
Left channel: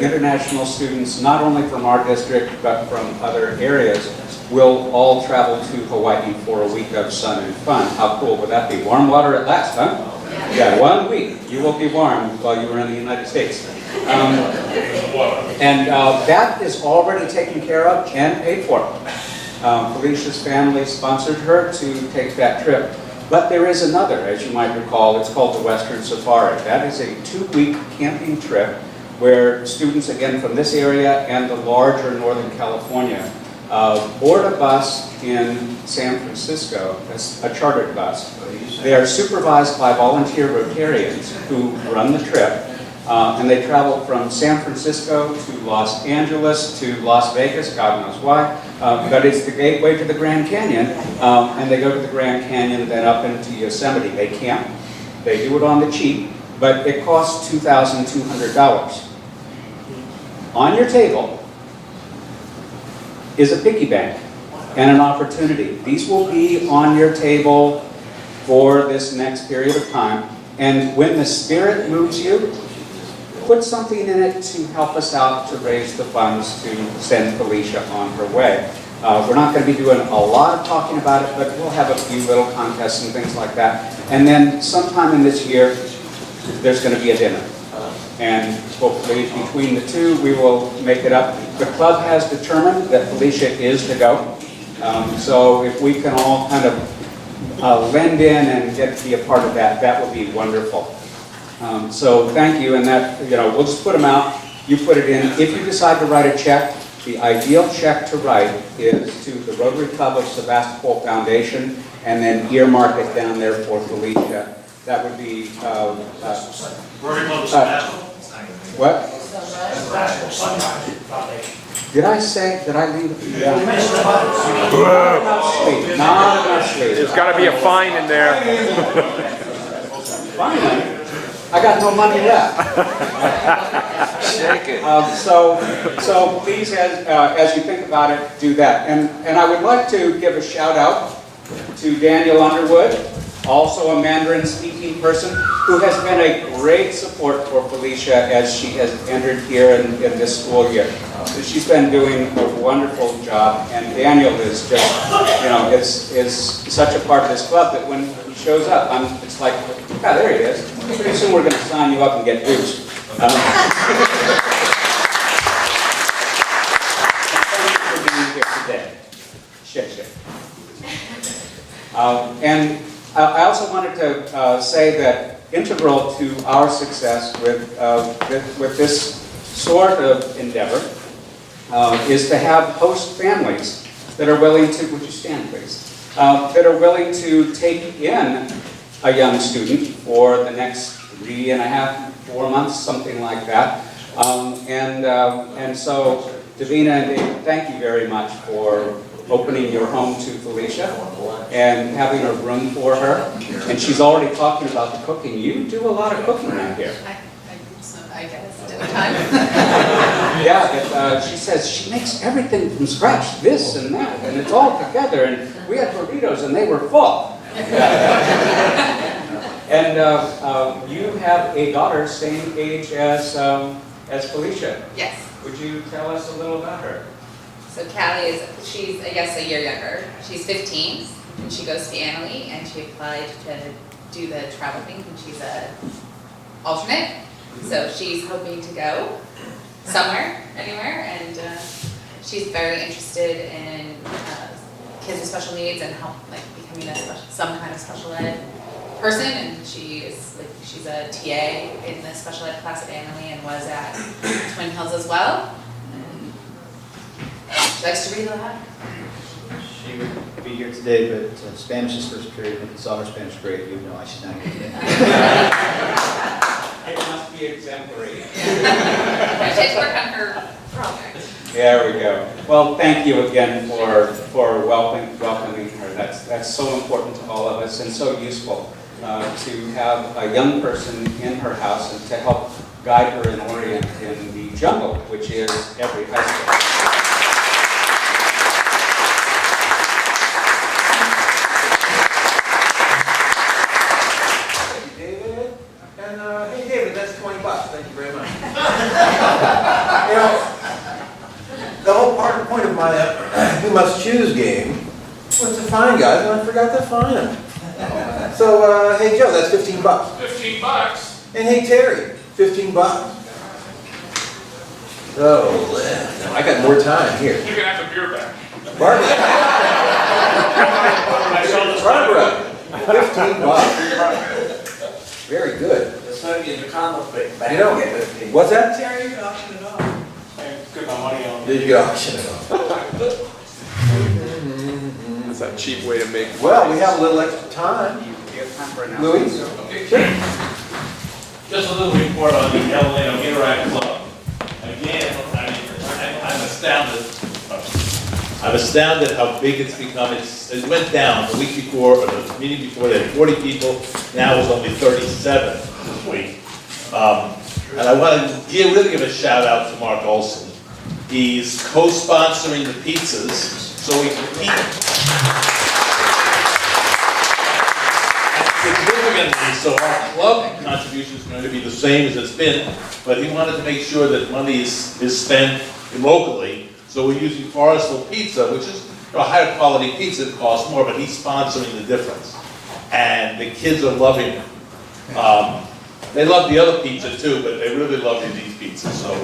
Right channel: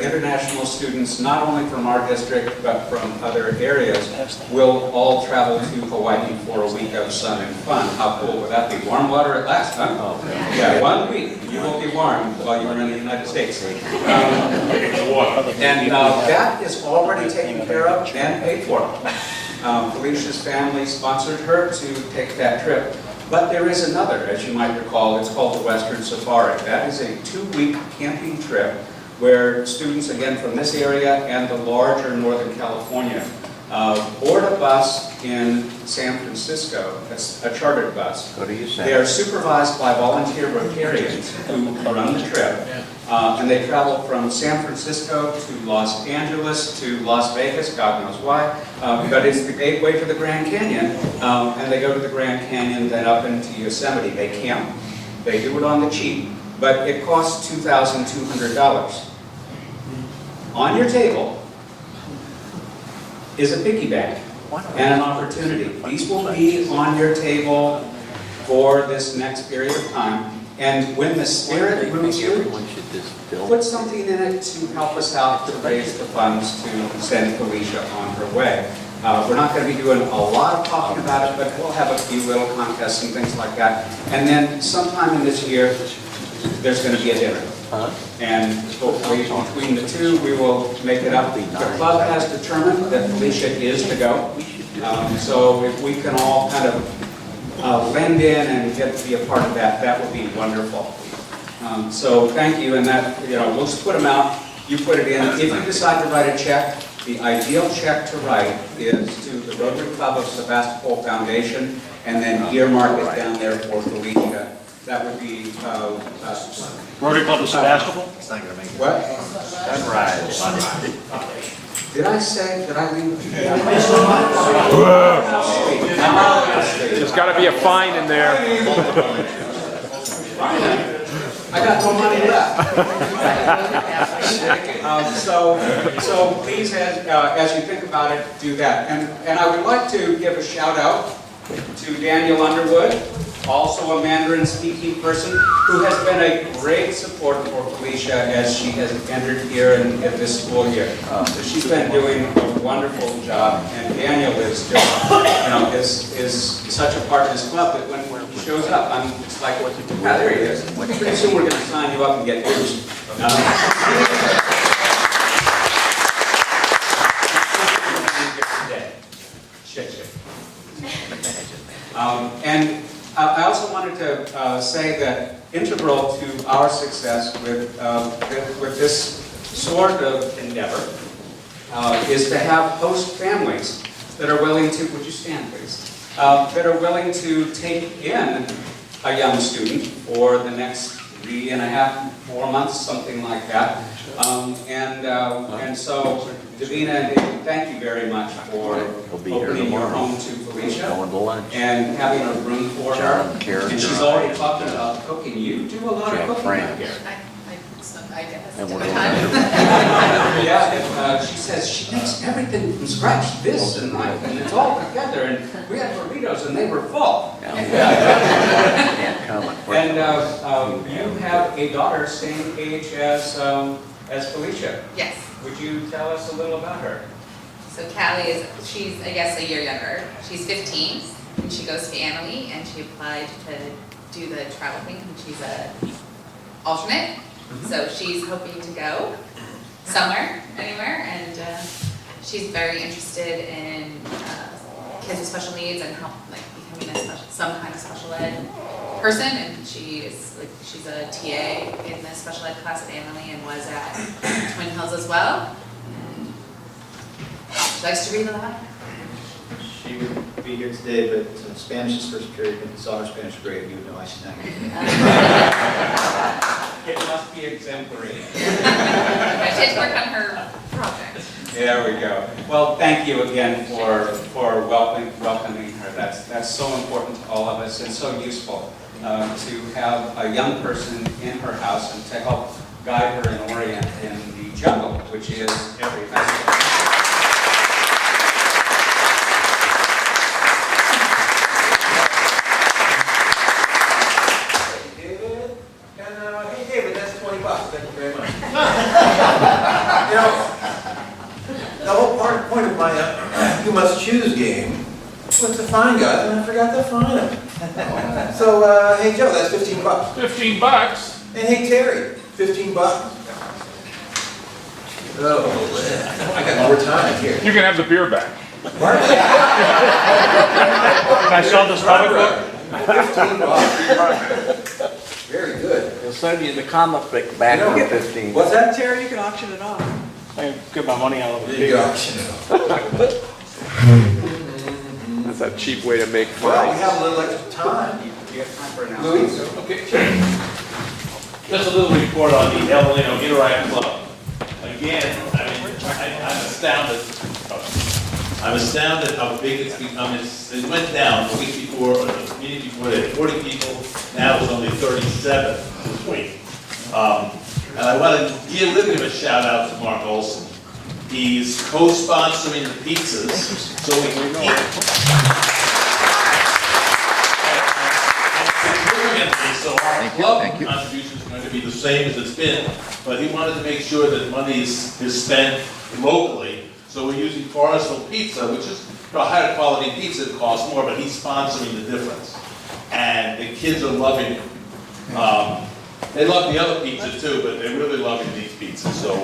international students, not only from our district, but from other areas, will all travel to Hawaii for a week of sun and fun. How cool would that be? Warm water at last, huh? Yeah, 1 week. You will be warm while you are in the United States. And that is already taken care of and paid for. Felicia's family sponsored her to take that trip. But there is another, as you might recall, it's called the Western Safari. That is a 2-week camping trip where students, again, from this area and the larger Northern California, board a bus in San Francisco, a chartered bus. They are supervised by volunteer Rotarians who run the trip. And they travel from San Francisco to Los Angeles to Las Vegas, God knows why, but it's the gateway to the Grand Canyon, and they go to the Grand Canyon, then up into Yosemite. They camp, they do it on the cheap, but it costs $2,200. On your table is a piggy bank and an opportunity. These will be on your table for this next period of time, and when the Spirit moves you, put something in it to help us out to raise the funds to send Felicia on her way. We're not going to be doing a lot of talking about it, but we'll have a few little contests and things like that. And then sometime in this year, there's going to be a dinner. And hopefully between the two, we will make it up. The club has determined that Felicia is to go. So if we can all kind of lend in and get to be a part of that, that would be wonderful. So thank you, and that, we'll just put them out. You put it in. If you decide to write a check, the ideal check to write is to the Rotary Club of Sebastopol Foundation, and then earmark it down there for Felicia. That would be Rotary Club of Sebastopol? what? Did I say? Did I leave? Yeah. Finally, I got no money left. So please, as you think about it, do that. And I would like to give a shout out to Daniel Underwood, also a Mandarin speaking person, who has been a great support for Felicia as she has entered here in this school year. So she's been doing a wonderful job, and Daniel is just, is such a part of this club that when he shows up, it's like, there he is. Pretty soon we're going to sign you up and get boots. And I also wanted to say that integral to our success with this sort of endeavor is to have host families that are willing to, would you stand please, that are willing to take in a young student for the next 3.5, 4 months, something like that. And so, Davina and David, thank you very much for opening your home to Felicia and having a room for her. And she's already talking about the cooking. You do a lot of cooking out here. I guess, dinner time. Yeah, she says she makes everything from scratch, this and that, and it's all together. And we had burritos and they were full. And you have a daughter same age as Felicia. Yes. Would you tell us a little about her? So Callie she's I guess a year younger. She's 15 and she goes to Annalee and she applied to do the travel thing and she's a alternate. So she's hoping to go somewhere, anywhere, and she's very interested in kids with special needs and help becoming some kind of special ed person, and she's a TA in the special ed class at Annalee and was at Twin Hills as well. And she likes to read a lot. She would be here today, but Spanish is first period. If you saw her Spanish grade, you would know I should not get it. It must be exemplary. Yeah, she had to work on her project. There we go. Well, thank you again for welcoming her. That's so important to all of us and so useful to have a young person in her house and to help guide her and orient in the jungle, which is every high school. Hey David, that's $20. Thank you very much. The whole point of my You Must Choose game was to find guys, and I forgot to find them. So, hey Joe, that's $15. $15? And hey Terry, $15. Oh, I got more time here. You can have the beer back. Barbara. I saw this Barbara, $15. Very good. So you get the comic book back. You know, Get 15. what's that? Terry, you can auction it off. Get my money out of You can auction it off. That's a cheap way to make. Well, we have a little extra time. Do you have time for Louis? announcements? Okay. Just a little report on the El Lino Interact Club. Again, I'm astounded. I'm astounded how big it's become. It went down the week before, or the meeting before, they had 40 people. Now it's only 37 this week. And I want to really give a shout out to Mark Olson. He's co-sponsoring the pizzas, so we can eat. So our club contribution is going to be the same as it's been, but he wanted to make sure that money is spent locally. So we're using Forestville Pizza, which is for a higher quality pizza, it costs more, but he's sponsoring the difference. And the kids are loving it. They love the other pizza too, but they really love these pizzas, so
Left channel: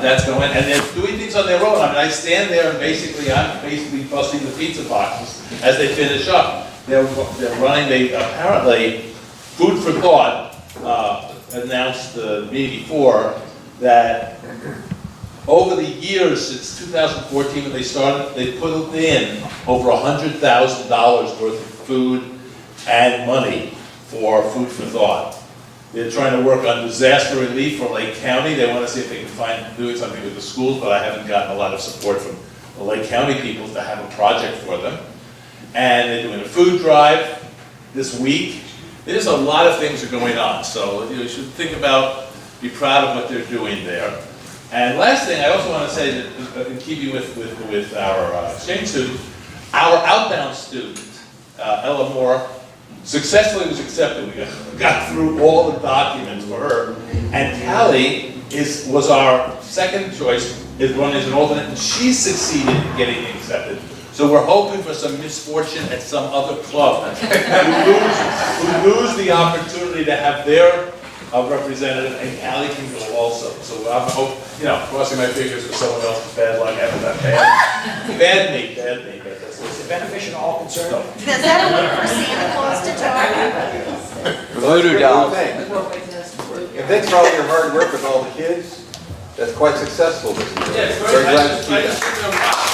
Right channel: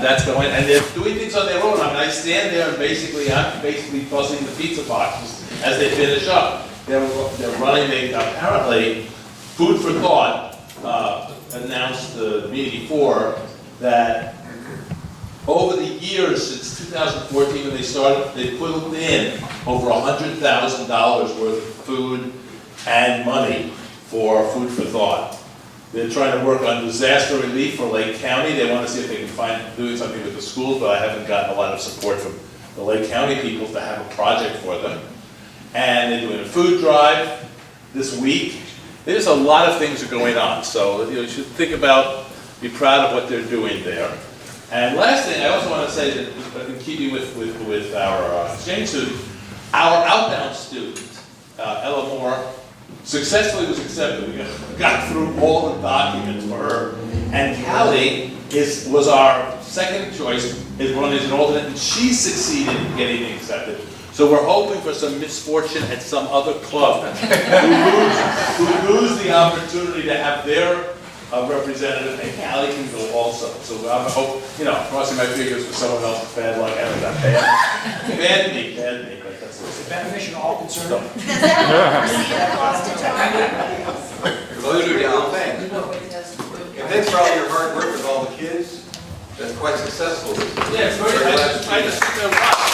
that's going, and they're doing things on their own. I mean, I stand there and I'm basically fussing the pizza boxes as they finish up. They're running, apparently, Food for Thought announced the meeting before that over the years since 2014 when they started, they put in over $100,000 worth of food and money for Food for Thought. They're trying to work on disaster relief for Lake County. They want to see if they can find doing something with the schools, but I haven't gotten a lot of support from the Lake County people to have a project for them. And they're doing a food drive this week. There's a lot of things that are going on, so you should think about, be proud of what they're doing there. And last thing, I also want to say that in keeping with our exchange student, our outbound student, Ella Moore, successfully was accepted. We got through all the documents for her. And Callie was our second choice, is running as an alternate, and she succeeded in getting accepted. So we're hoping for some misfortune at some other club who lose the opportunity to have their representative, and Callie can go also. So I hope, crossing my fingers for someone else's bad luck after that bad me, but that's what Is it beneficial to all concerned? Does that foresee a cost to Rotary? Voodoo dolls. And thanks for all your hard work with all the kids. That's quite successful this year. Yeah, it's very nice. I just think they're right.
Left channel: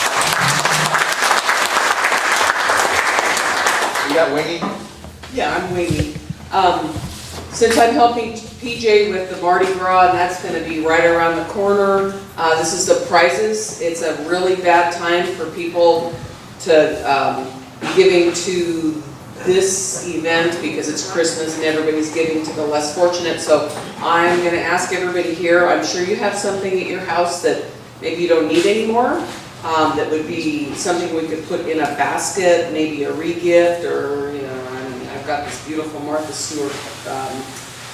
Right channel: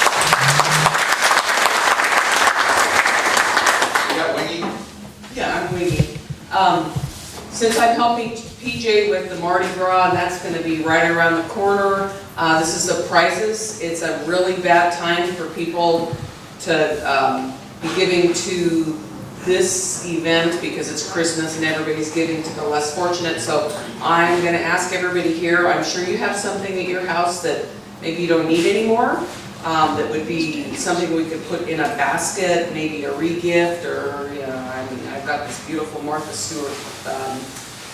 You got Wingy? Yeah, I'm Wingy. Since I'm helping PJ with the Mardi Gras, that's gonna be right around the corner. This is the prizes. It's a really bad time for people to be giving to this event because it's Christmas and everybody's giving to the less fortunate. So I'm gonna ask everybody here, I'm sure you have something at your house that maybe you don't need anymore. That would be something we could put in a basket, maybe a re-gift, or, I've got this beautiful Martha Stewart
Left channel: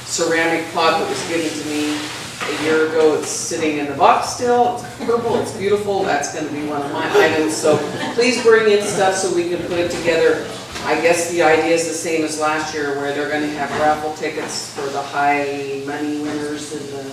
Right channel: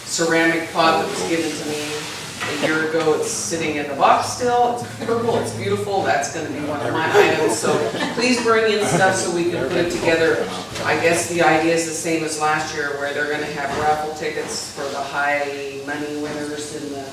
ceramic pot that was given to me a year ago. It's sitting in the box still. It's purple, it's beautiful. That's gonna be one of my items. So please bring in stuff so we can put it together. I guess the idea is the same as last year, where they're gonna have raffle tickets for the high money winners and the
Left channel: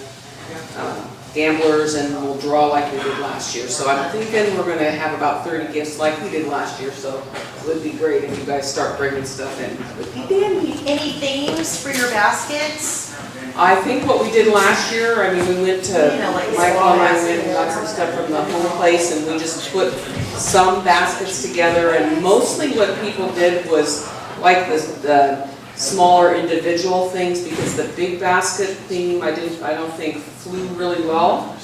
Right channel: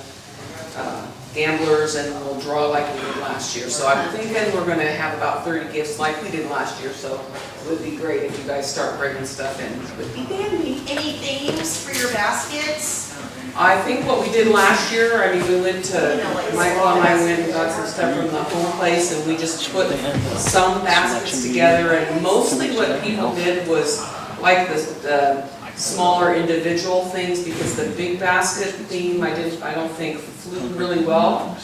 gamblers, and we'll draw like we did last year. So I'm thinking we're gonna have about 30 gifts like we did last year, so it would be great if you guys start bringing stuff in. It would be dandy. Any themes for your baskets? I think what we did last year, we went to, Michael and I went and got some stuff from the home place, and we just put some baskets together, and mostly what people did was like the smaller individual things, because the big basket theme I don't think flew really well.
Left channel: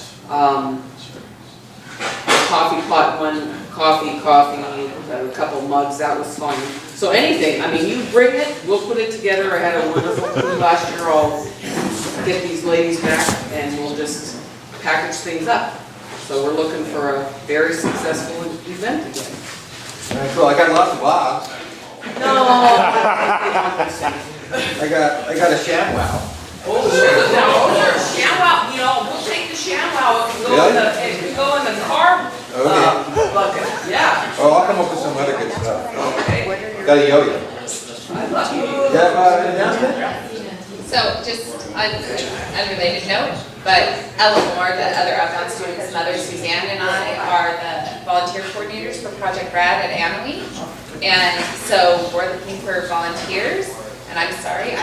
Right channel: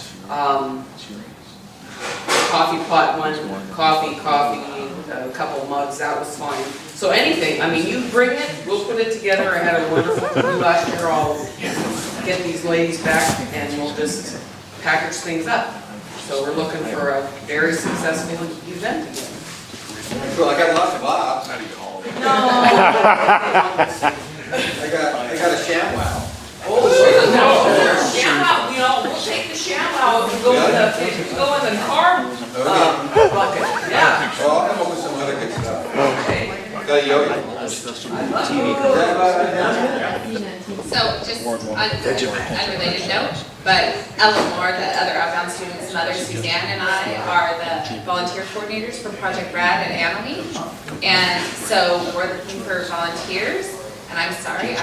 Coffee pot one, coffee, a couple mugs, that was fine. So anything, you bring it, we'll put it together. I had a wonderful crew last year. I'll get these ladies back and we'll just package things up. So we're looking for a very successful event again. Well, I got lots of Bobs. I got a ShamWow. Oh, ShamWow, we'll take the ShamWow and go in the carb bucket, yeah. Oh, I'll come up with some other good stuff. Okay. Got a yo-yo. I love you. So just on an unrelated note, but Ella Moore, the other outbound student's mother, Suzanne, and I are the volunteer coordinators for Project Brad at Annalee. And so we're looking for volunteers. And I'm sorry,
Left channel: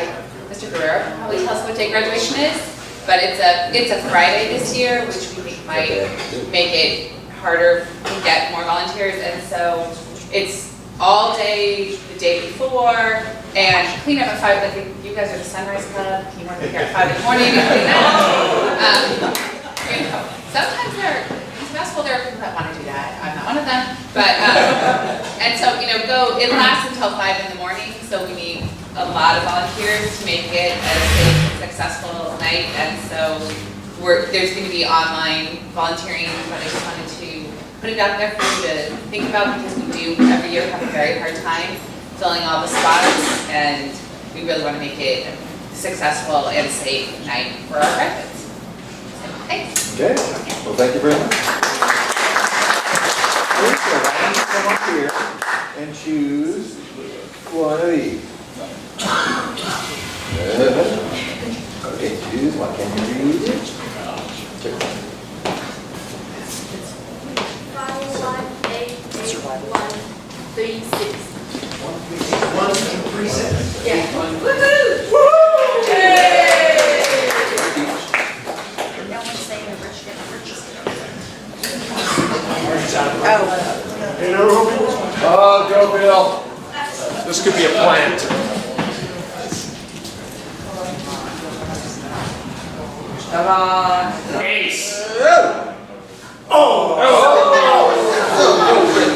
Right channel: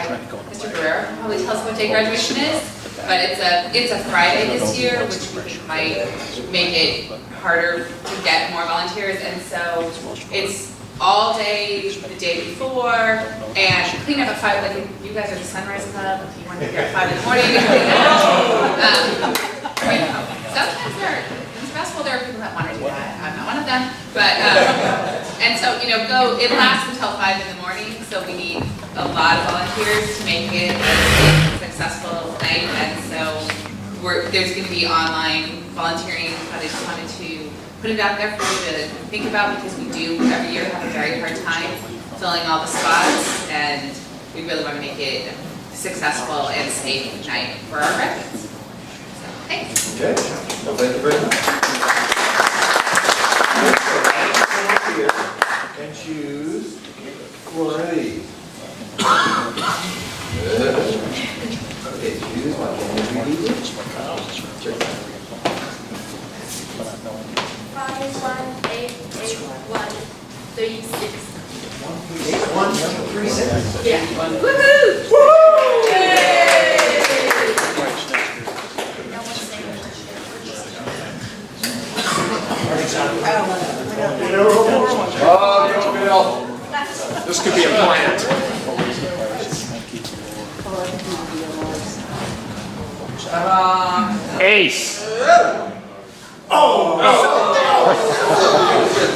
Mr. Guerrero can probably tell us what day graduation is, but it's a Friday this year, which we think might make it harder to get more volunteers. And so it's all day the day before, and clean up at 5. Like if you guys are the Sunrise Club, if you want to be here at 5 in the morning, you can clean up. Sometimes in Sebastopol there are people that want to do that. I'm not one of them, but and so it lasts until 5 in the morning. So we need a lot of volunteers to make it a successful night, and so there's going to be online volunteering, but I just wanted to put it out there for you to think about, because we do every year have a very hard time filling all the spots, and we really want to make it a successful and safe night for our graduates. So, thanks. Okay, well, thank you very much. and choose one of these. Okay, choose one. Can you read it? 1388136. 1388136. Yeah. Woohoo! Oh, go Bill. This could be a plant. Ta-da! Ace.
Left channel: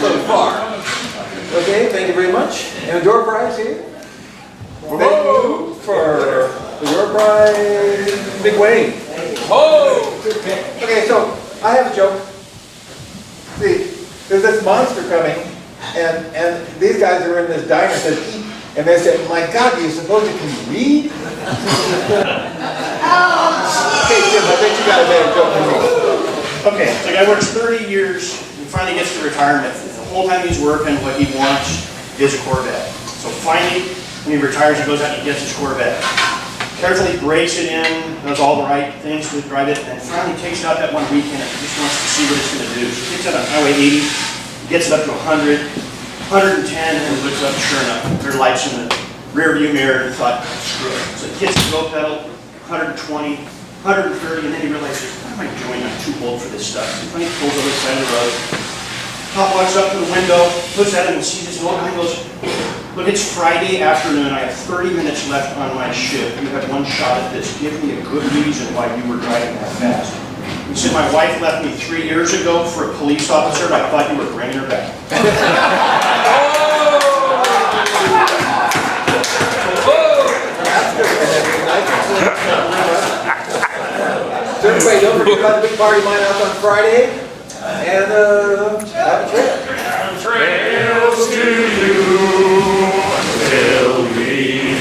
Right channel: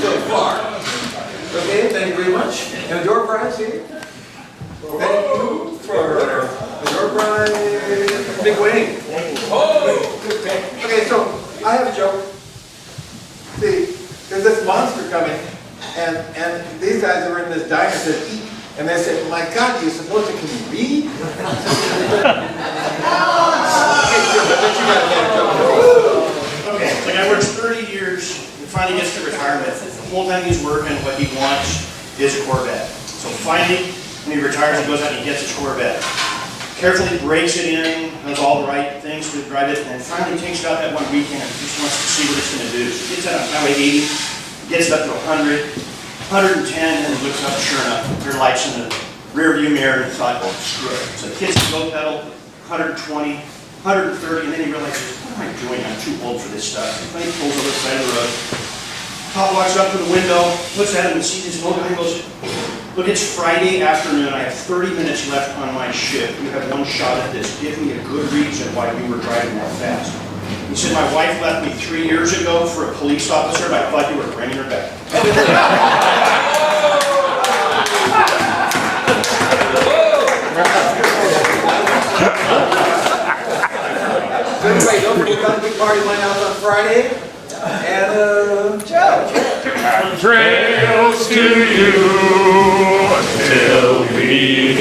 So far. Okay, thank you very much. And door prize here. Thank you for your prize, Big Wayne. Oh! Okay, so I have a joke. See, there's this monster coming, and these guys who are in this diner says eat, and they said, "My God, do you suppose you can read?" Okay, Jim, I bet you got a better joke than me. Okay, the guy works 30 years, and finally gets to retirement. The whole time he's working, what he wants is a Corvette. So finally, when he retires, he goes out and he gets his Corvette. Carefully breaks it in, does all the right things to drive it, and finally takes it out that one weekend and just wants to see what it's going to do. So he gets it on Highway 80, gets it up to 100, 110, and looks up, sure enough, there are lights in the rear view mirror, and thought, oh, screw it. So he hits the go pedal, 120, 130, and then he realizes, what am I doing? I'm too old for this stuff. So he finally pulls over the side of the road. Cop walks up to the window, looks at him and sees this old guy and goes, look, it's Friday afternoon. I have 30 minutes left on my shift. You have one shot at this. Give me a good reason why you were driving that fast. He said, my wife left me 3 years ago for a police officer, and I thought you were bringing her back. So everybody, don't forget about the big party line out on Friday. And have a chat. Trails to you till we